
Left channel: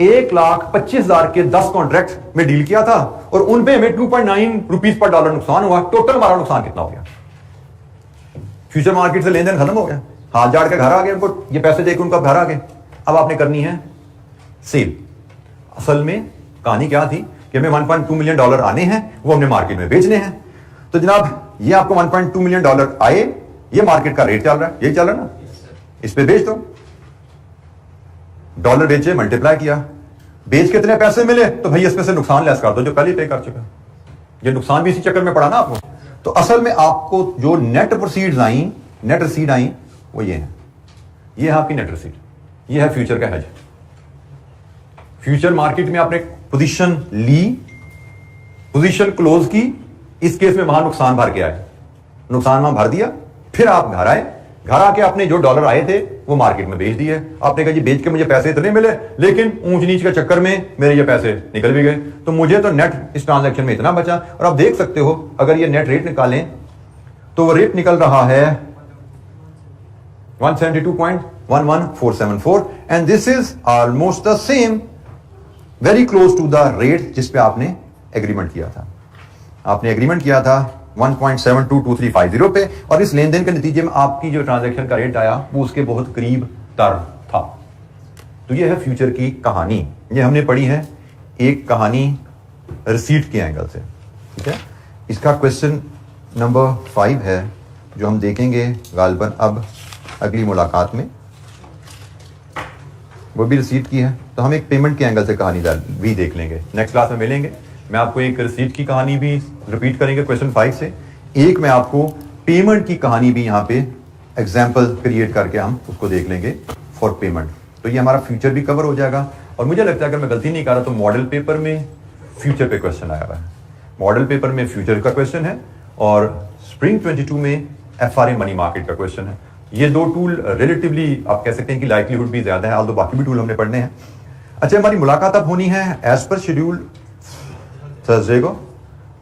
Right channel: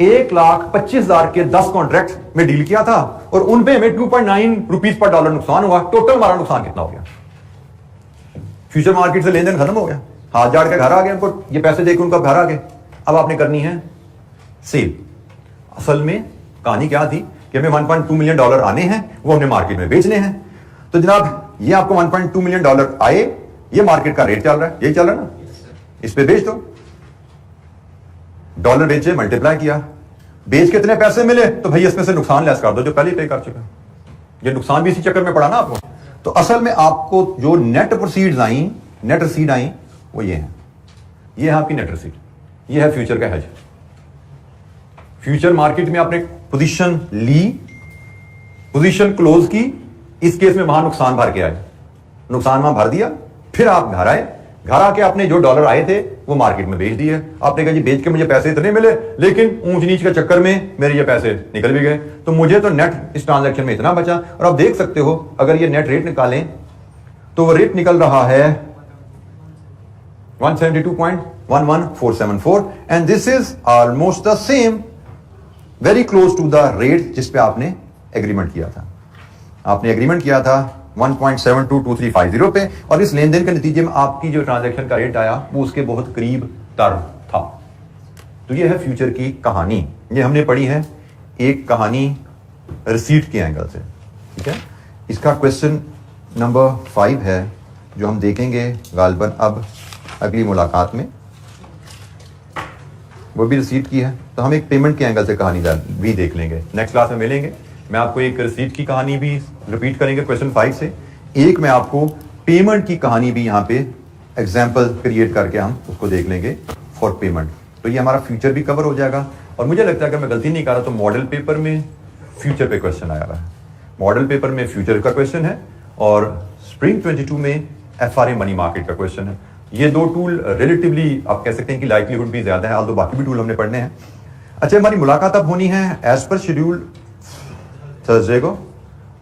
1,25,000 के 10 कॉन्ट्रैक्ट में डील किया था और उन पे हमें 2.9 रुपीज पर डॉलर नुकसान हुआ. टोटल हमारा नुकसान कितना हो गया? फ्यूचर मार्केट से लेन देन खत्म हो गया, हाथ जाड़ के घर आ गए, उनको ये पैसे देकर उनका घर आ गए. अब आपने करनी है सेल. असल में कहानी क्या थी कि हमें $1.2 मिलियन आने हैं, वो हमने मार्केट में बेचने हैं. तो जनाब ये आपको $1.2 मिलियन आए, ये मार्केट का रेट चल रहा है, यही चल रहा है ना, इस पे बेच दो. डॉलर बेचे, मल्टीप्लाई किया, बेच कितने पैसे मिले, तो भाई इसमें से नुकसान लेस कर दो जो पहले पे कर चुका. ये नुकसान भी इसी चक्कर में पड़ा ना आपको. तो असल में आपको जो नेट प्रोसीड्स आई, नेट रसीड आई, वो ये है, ये है आपकी नेट रसीड, ये है फ्यूचर का हेज. फ्यूचर मार्केट में आपने पोजीशन ली, पोजीशन क्लोज की, इस केस में वहां नुकसान भर के आए, नुकसान वहां भर दिया, फिर आप घर आए, घर आके आपने जो डॉलर आए थे वो मार्केट में बेच दिए. आपने कहा जी बेच के मुझे पैसे इतने मिले, लेकिन ऊंच नीच के चक्कर में मेरे ये पैसे निकल भी गए, तो मुझे तो नेट इस ट्रांजैक्शन में इतना बचा. और आप देख सकते हो अगर ये नेट रेट निकालें तो वो रेट निकल रहा है 172.11474 and this is almost the same, very close to the rate जिस पे आपने एग्रीमेंट किया था. आपने एग्रीमेंट किया था 1.722350 पे, और इस लेन देन के नतीजे में आपकी जो ट्रांजैक्शन का रेट आया वो उसके बहुत करीब तर था। तो ये है फ्यूचर की कहानी। ये हमने पढ़ी है एक कहानी रिसीट के एंगल से, ठीक है। इसका क्वेश्चन नंबर 5 है जो हम देखेंगे गालिबन अब अगली मुलाकात में, वो भी रिसीट की है। तो हम एक पेमेंट के एंगल से कहानी भी देख लेंगे, नेक्स्ट क्लास में मिलेंगे। मैं आपको एक रिसीट की कहानी भी रिपीट करेंगे क्वेश्चन 5 से, एक मैं आपको पेमेंट की कहानी भी यहाँ पे एग्जाम्पल क्रिएट करके हम उसको देख लेंगे फॉर पेमेंट। तो ये हमारा फ्यूचर भी कवर हो जाएगा। और मुझे लगता है अगर मैं गलती नहीं कर रहा तो मॉडल पेपर में फ्यूचर पे क्वेश्चन आया हुआ है, मॉडल पेपर में फ्यूचर का क्वेश्चन है और स्प्रिंग 22 में FRA मनी मार्केट का क्वेश्चन है। ये दो टूल रिलेटिवली आप कह सकते हैं कि लाइकलीहुड भी ज्यादा है, तो बाकी भी टूल हमने पढ़ने हैं। अच्छा, हमारी मुलाकात अब होनी है एज पर शेड्यूल थर्सडे को,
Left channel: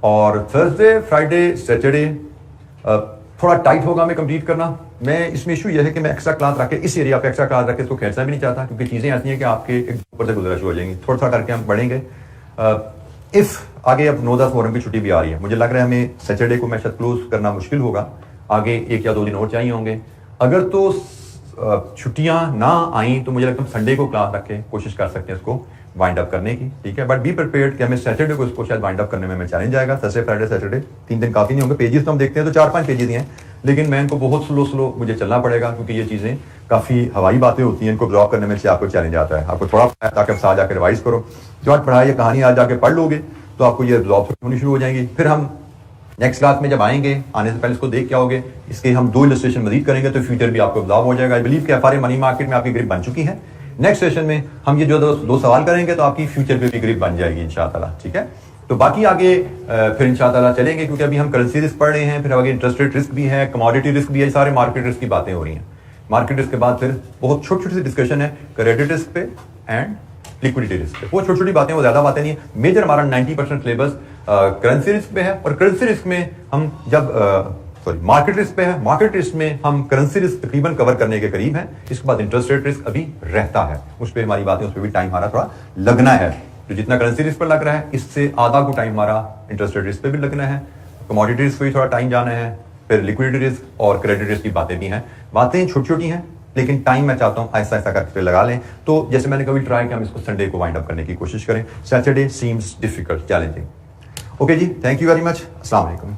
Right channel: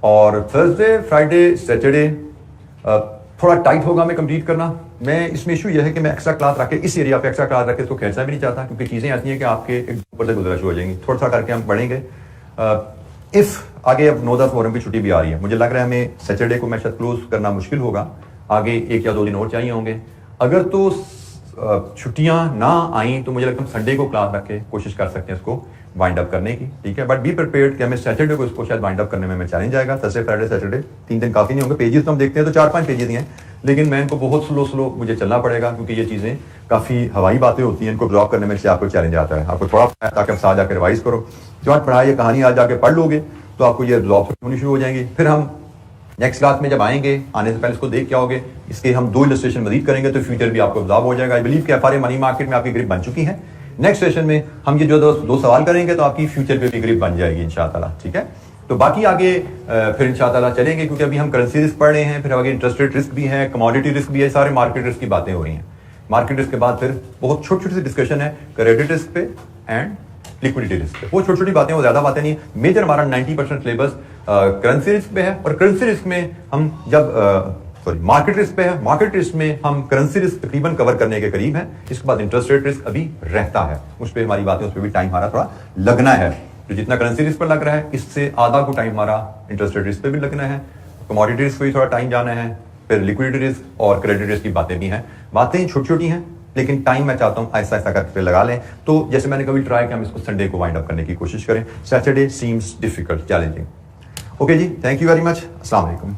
और थर्सडे फ्राइडे सैटरडे थोड़ा टाइट होगा हमें कंप्लीट करना। मैं इसमें इशू यह है कि मैं एक्स्ट्रा क्लास रख के इस एरिया पे एक्स्ट्रा क्लास रख के इसको खेलना भी नहीं चाहता, क्योंकि चीज़ें ऐसी हैं कि आपके एक ऊपर से गुजरा शुरू हो जाएंगी। थोड़ा सा करके हम पढ़ेंगे। इफ आगे अब 9-10 मोहर्रम की छुट्टी भी आ रही है, मुझे लग रहा है हमें सैटरडे को मैं शायद क्लोज करना मुश्किल होगा, आगे 1 या 2 दिन और चाहिए होंगे। अगर तो छुट्टियां ना आई तो मुझे लगता है संडे को क्लास रख के कोशिश कर सकते हैं इसको वाइंड अप करने की, ठीक है। बट बी प्रिपेयर्ड कि हमें सैटरडे को इसको शायद वाइंड अप करने में हमें चैलेंज आएगा। थर्सडे फ्राइडे सैटरडे 3 दिन काफी नहीं होंगे। पेजेस तो हम देखते हैं तो 4-5 पेजेस ही हैं, लेकिन मैं इनको बहुत स्लो मुझे चलना पड़ेगा, क्योंकि ये चीजें काफी हवाई बातें होती हैं, इनको ब्लॉक करने में से आपको चैलेंज आता है। आपको थोड़ा ताकि आप साथ जाकर रिवाइज करो, जो आज पढ़ाई कहानी आज जाके पढ़ लोगे तो आपको ये ब्लॉक होनी शुरू हो जाएंगी। फिर हम नेक्स्ट क्लास में जब आएंगे, आने से पहले इसको देख के आओगे, इसके हम 2 इलस्ट्रेशन मजीद करेंगे तो फ्यूचर भी आपको ऑब्जर्व हो जाएगा। आई बिलीव कि FRA मनी मार्केट में आपकी ग्रिप बन चुकी है। नेक्स्ट सेशन में हम ये जो दो सवाल करेंगे तो आपकी फ्यूचर पे भी ग्रिप बन जाएगी इंशाअल्लाह, ठीक है। तो बाकी आगे फिर इंशाअल्लाह चलेंगे, क्योंकि अभी हम करेंसी रिस्क पढ़ रहे हैं, फिर आगे इंटरेस्ट रेट रिस्क भी है, कमोडिटी रिस्क भी है, सारे मार्केट रिस्क की बातें हो रही हैं। मार्केट रिस्क के बाद फिर बहुत छोटी सी डिस्कशन है क्रेडिट रिस्क पे एंड लिक्विडिटी रिस्क पे। वो छोटी छोटी बातें, वो ज्यादा बातें नहीं। मेजर हमारा 90% सिलेबस करेंसी रिस्क पे है, और करेंसी रिस्क में हम जब मार्केट रिस्क पे है, मार्केट रिस्क में हम करेंसी रिस्क तकरीबन कवर करने के करीब हैं। इसके बाद इंटरेस्ट रेट रिस्क अभी रहता है, उस पर हमारी बातें, उस पर भी टाइम हमारा थोड़ा लगना है। तो जितना करेंसी रिस्क पर लग रहा है, इससे आधा को टाइम हमारा इंटरेस्ट रेट रिस्क पे भी लगना है। कमोडिटी रिस्क पे भी थोड़ा टाइम जाना है, फिर लिक्विडिटी रिस्क और क्रेडिट रिस्क की बातें भी हैं। बातें छोटी छोटी हैं, लेकिन टाइम मैं चाहता हूं ऐसा करके लगा लें। तो जैसे मैंने कभी ट्राई किया, हम इसको संडे को वाइंड अप करने की कोशिश करें। Saturday seems difficult, challenging. Okay जी, थैंक यू वेरी मच। अस्सलाम वालेकुम।